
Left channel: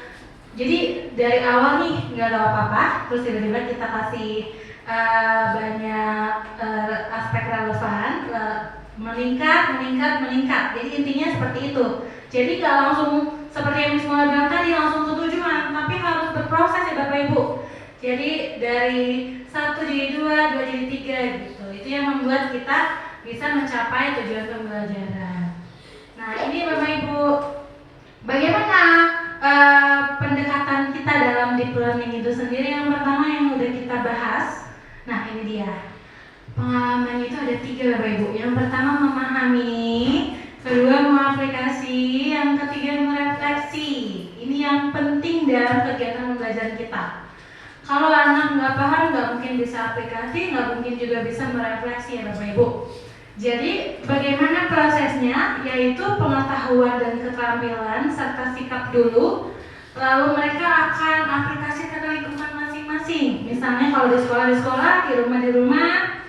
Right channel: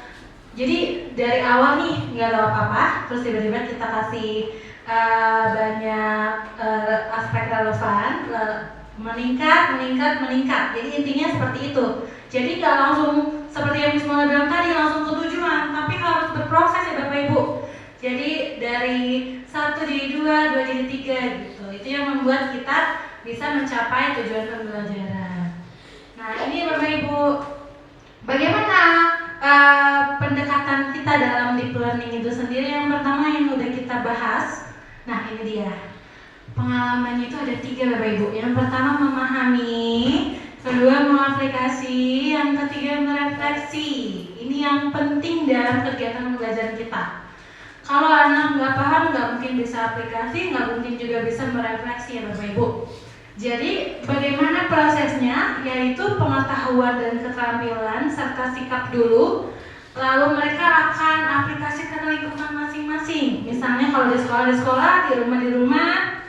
jadi dari awal nih nggak tahu apa-apa, terus tiba-tiba kita kasih banyak aspek relevan, meningkat. Jadi intinya seperti itu. Jadi nggak langsung seperti yang Miss Mona bilang tadi langsung ke tujuan, tapi harus berproses ya Bapak Ibu. Jadi dari 1 jadi 2 jadi 3 gitu. Itu yang membuat kita bisa mencapai tujuan pembelajaran. Nah ini Bapak Ibu, bagaimana pendekatan kita dalam deep learning itu sendiri? Yang pertama yang udah kita bahas. Nah ini dia, pengalamannya itu ada 3 Bapak Ibu. Yang pertama memahami, kedua mengaplikasi, yang ketiga merefleksi. Ini yang penting dalam kegiatan pembelajaran kita. Kalau anak nggak paham, nggak mungkin bisa aplikasi, nggak mungkin juga bisa merefleksi ya Bapak Ibu. Jadi bagaimana prosesnya? Yaitu pengetahuan dan keterampilan serta sikap dulu, lalu mereka akan aplikasikan lingkungan masing-masing. Misalnya kalau di sekolah, di rumah,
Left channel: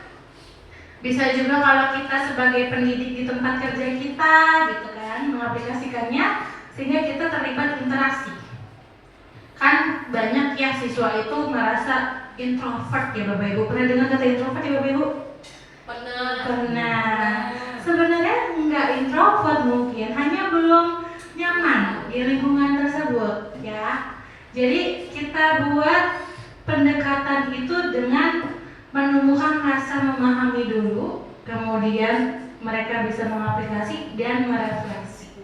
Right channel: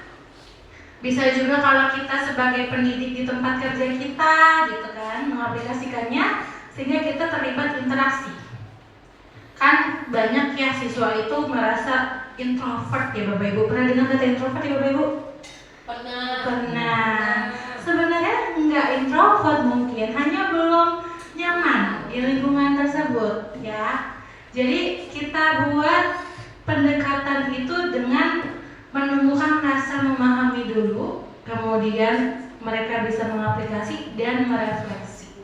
bisa juga kalau kita sebagai pendidik di tempat kerja kita, gitu kan, mengaplikasikannya sehingga kita terlibat interaksi. Kan banyak ya siswa itu merasa introvert ya Bapak Ibu. Pernah dengar kata introvert ya Bapak Ibu? Pernah. Sebenarnya nggak introvert mungkin, hanya belum nyaman di lingkungan tersebut ya. Jadi kita buat pendekatan itu dengan menumbuhkan rasa memahami dulu, kemudian mereka bisa mengaplikasi dan merefleksi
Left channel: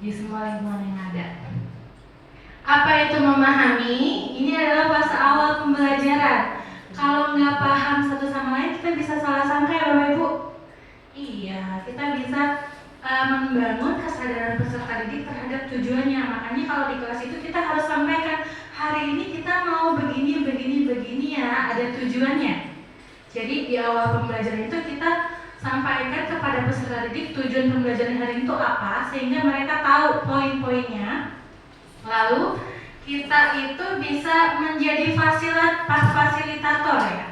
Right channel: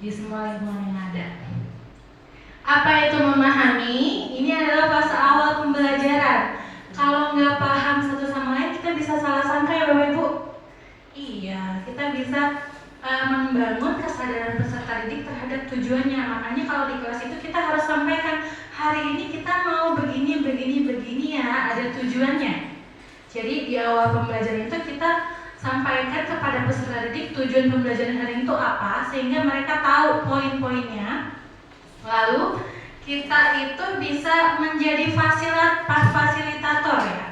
di semua lingkungan yang ada. Apa itu memahami? Ini adalah fase awal pembelajaran. Kalau nggak paham satu sama lain, kita bisa salah sangka ya Bapak Ibu. Iya, kita bisa membangun kesadaran peserta didik terhadap tujuannya. Makanya kalau di kelas itu kita harus sampaikan, hari ini kita mau begini ya, ada tujuannya. Jadi di awal pembelajaran itu kita sampaikan kepada peserta didik tujuan pembelajaran hari ini itu apa, sehingga mereka tahu poin-poinnya. Lalu kita itu bisa menjadi fasilitator ya.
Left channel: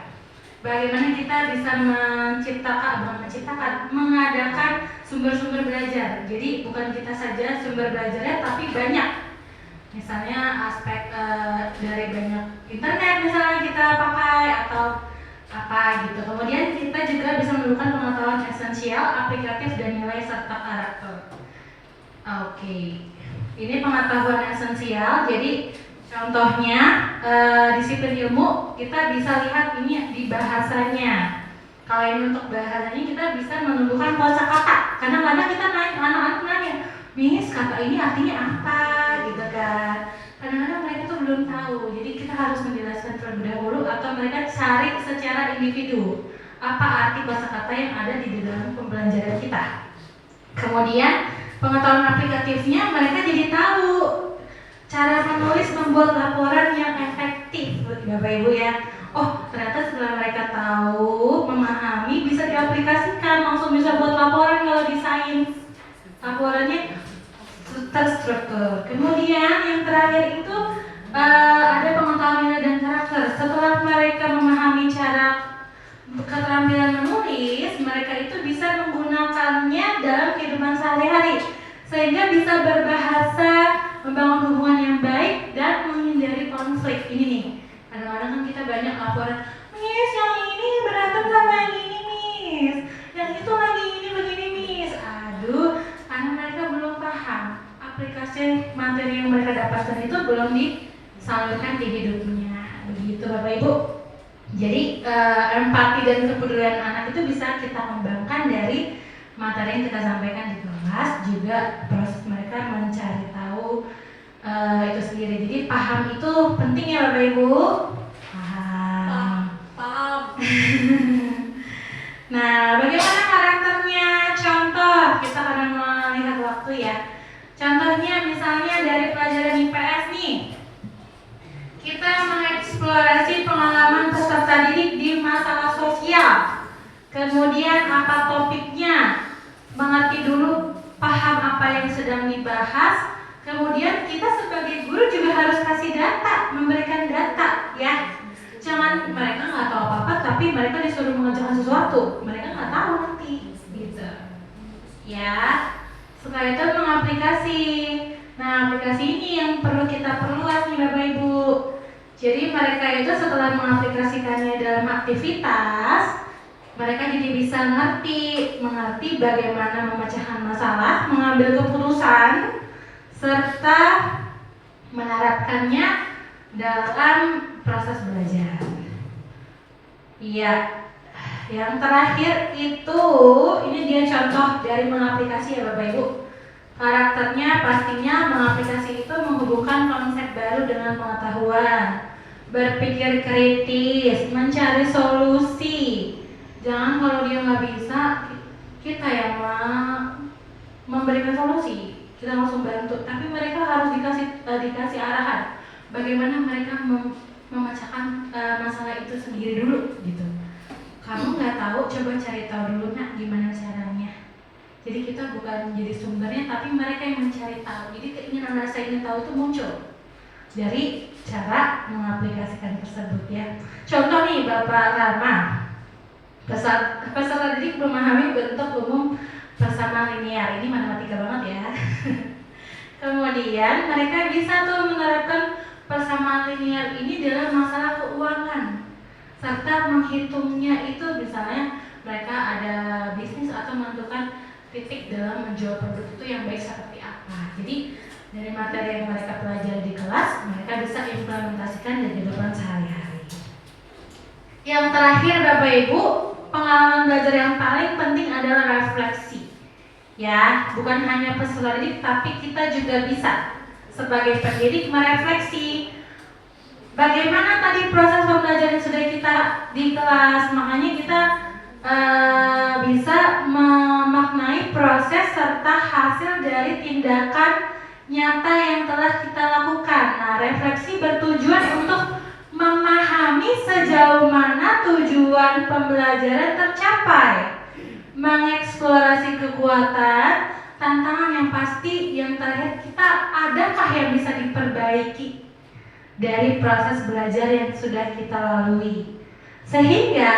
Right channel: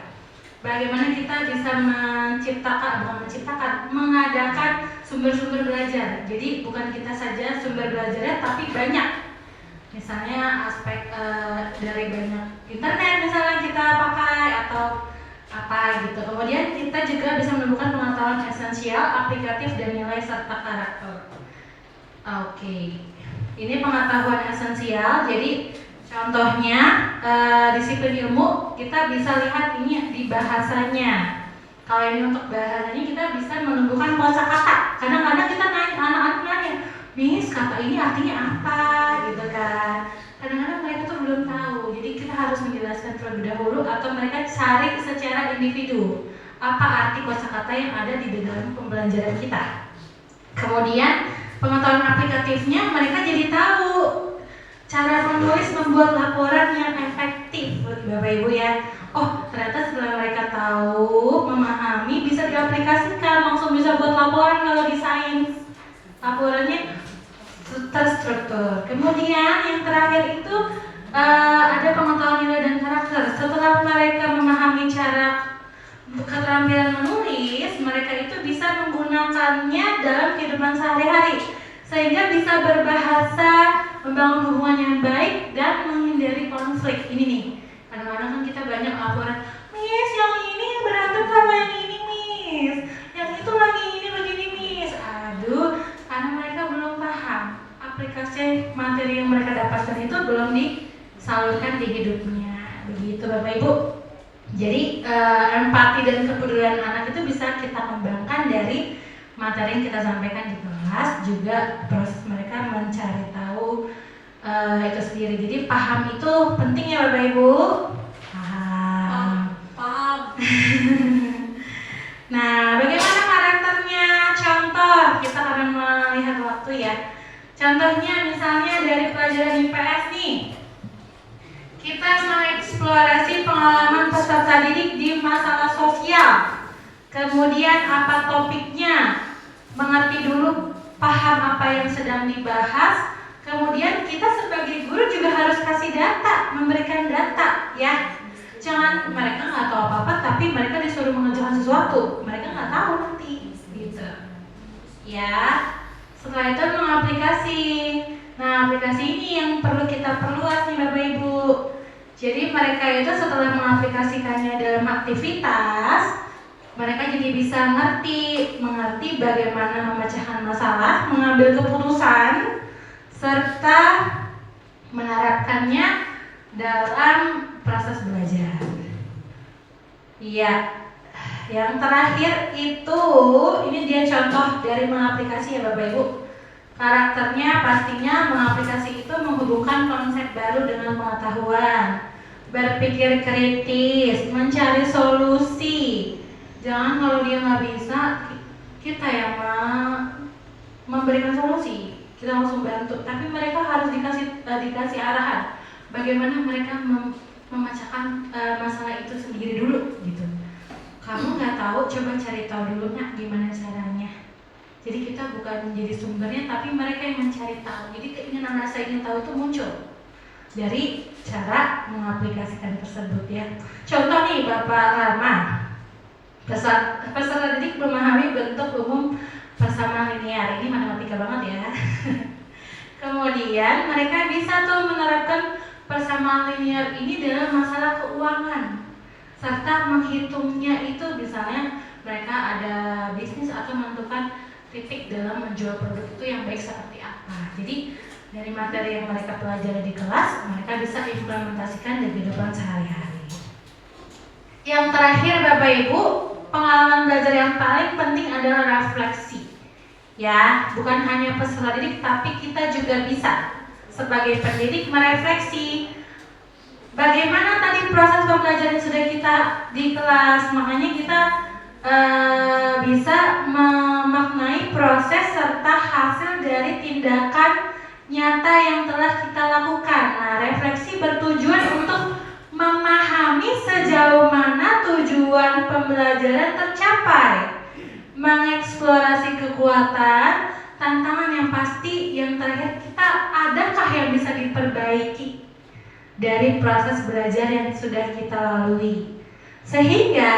Bagaimana kita bisa mengadakan sumber-sumber belajar. Jadi bukan kita saja sumber belajarnya, tapi banyak. Misalnya aspek dari banyak internet misalnya kita pakai atau apa gitu. Kemudian kita juga bisa menemukan pengetahuan esensial, aplikatif dan nilai serta karakter. Oke. Ini pengetahuan esensial. Jadi contohnya disiplin ilmu kita bisa lihat ini di bahasanya. Kalau ini untuk bahasanya kita bisa menumbuhkan kosakata. Kadang-kadang kita nanya, anak-anak nanya, Miss kata ini artinya apa gitu kan. Kadang-kadang mereka tuh belum tahu. Jadi kita harus menjelaskan terlebih dahulu atau mereka cari secara individu apa arti kosakata yang ada di dalam pembelajaran kita. Kemudian pengetahuan aplikatifnya mereka jadi tahu cara menulis membuat laporan yang efektif Bapak Ibu ya. Oh ternyata setelah mereka tahu, memahami, bisa diaplikasikan, langsung bisa buat laporan kalau di sains. Laporannya terstruktur. Kemudian yang terakhir itu ada pengetahuan nilai dan karakter. Setelah mereka memahami cara keterampilan menulis, mereka itu bisa menggunakannya dalam kehidupan sehari-hari sehingga bisa berbahasa, membangun hubungan yang baik dan menghindari konflik. Ini nih, kadang-kadang kan kita banyak laporan, Miss yang ini berantem sama yang ini Miss, yang itu lagi ini begini Miss. Aduh, karena mereka belum paham aplikasi materi yang mereka dapatkan itu belum disalurkan di hidupnya. Begitu Bapak Ibu. Jadi empati dan kepedulian anak itu bisa kita kembangkan dari materi yang kita sampaikan di kelas, juga proses mereka mencari tahu itu sendiri. Jadi paham itu penting ya Bapak Ibu. Paham. Nah, bagaimana karakternya? Contoh, kita akan melihat waktu ya. Contohnya misalnya dari pelajaran IPS nih. Kita mengeksplorasi pengalaman peserta didik di masalah sosial. Kemudian apa topiknya? Mengerti dulu, paham apa yang sedang dibahas. Kemudian kita sebagai guru juga harus kasih data, memberikan data ya. Jangan mereka nggak tahu apa-apa, tapi mereka disuruh mengerjakan sesuatu, mereka nggak tahu nanti, gitu. Ya. Setelah itu mengaplikasi. Nah, aplikasi ini yang perlu kita perluas nih Bapak Ibu. Jadi mereka itu setelah mengaplikasikannya dalam aktivitas, mereka jadi bisa mengerti bagaimana memecahkan masalah, mengambil keputusan, serta menerapkannya dalam proses belajar. Iya. Yang terakhir itu, ini dia contoh dari mengaplikasi ya Bapak Ibu. Karakternya pastinya mengaplikasi itu menghubungkan konsep baru dengan pengetahuan, berpikir kritis, mencari solusi. Jangan kalau dia nggak bisa, kita yang memberikan solusi, kita langsung bantu. Tapi mereka harus dikasih arahan, bagaimana mereka memecahkan masalah itu sendiri dulu, gitu. Kamu nggak tahu, coba cari tahu dulu nak gimana caranya. Jadi kita bukan menjadi sumbernya, tapi mereka yang mencari tahu. Jadi keinginan rasa ingin tahu itu muncul dari cara mengaplikasikan tersebut ya. Contoh nih Bapak Rama, peserta didik memahami bentuk umum persamaan linear. Ini matematika banget ya. Kemudian mereka bisa tuh menerapkan persamaan linear ini dalam masalah keuangan serta menghitungnya itu, misalnya mereka ada bisnis atau menentukan titik dalam menjual produk itu yang baik seperti apa. Jadi dari materi yang mereka pelajari di kelas, mereka bisa implementasikan di kehidupan sehari-hari. Yang terakhir Bapak Ibu, pengalaman belajar yang paling penting adalah refleksi. Ya, bukan hanya peserta didik, tapi kita juga bisa sebagai pendidik merefleksi bagaimana tadi proses pembelajaran sudah kita di kelas. Makanya kita bisa memaknai proses serta hasil dari tindakan nyata yang telah kita lakukan. Nah, refleksi bertujuan untuk memahami sejauh mana tujuan pembelajaran tercapai, mengeksplorasi kekuatan, tantangan yang pasti, yang terakhir kita adakah yang bisa diperbaiki dari proses belajar yang sudah kita lalui, sehingga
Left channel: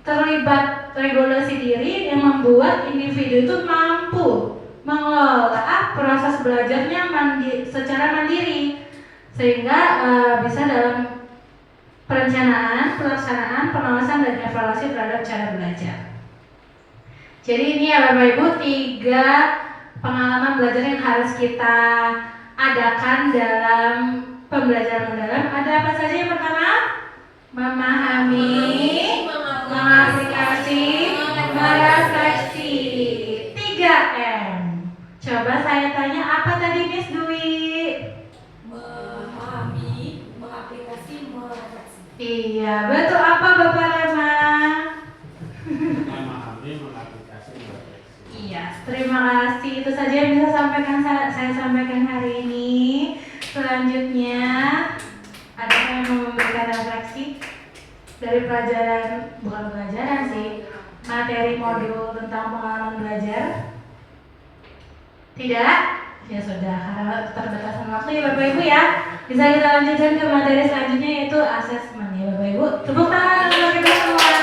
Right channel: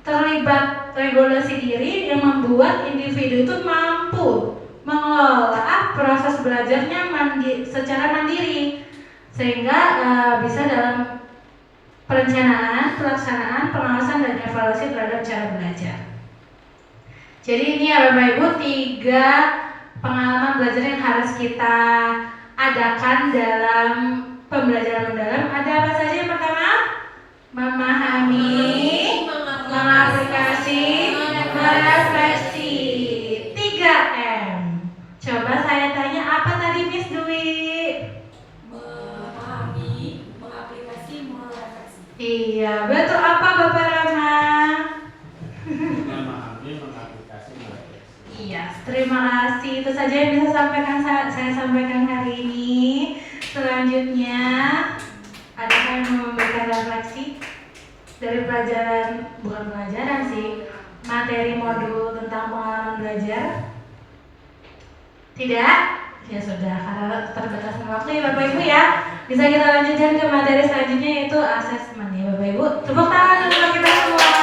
terlibat regulasi diri yang membuat individu itu mampu mengelola proses belajarnya secara mandiri, sehingga bisa dalam perencanaan, pelaksanaan, pengawasan, dan evaluasi terhadap cara belajar. Jadi ini ya Bapak Ibu 3 pengalaman belajar yang harus kita adakan dalam pembelajaran mendalam. Ada apa saja? Yang pertama, memahami, mengaplikasi, merefleksi. 3M. Coba saya tanya, apa tadi Miss Dwi? Memahami, mengaplikasi, merefleksi. Iya, betul. Apa Bapak Rama? Memahami, mengaplikasi, merefleksi. Iya, terima kasih. Itu saja yang bisa saya sampaikan hari ini. Selanjutnya, adakah yang mau memberikan refleksi dari pelajaran, bukan pelajaran sih, materi modul tentang pengalaman belajar? Tidak? Ya sudah, karena keterbatasan waktu ya Bapak Ibu ya. Bisa kita lanjutkan ke materi selanjutnya, yaitu asesmen ya Bapak Ibu. Tepuk tangan untuk kita semua.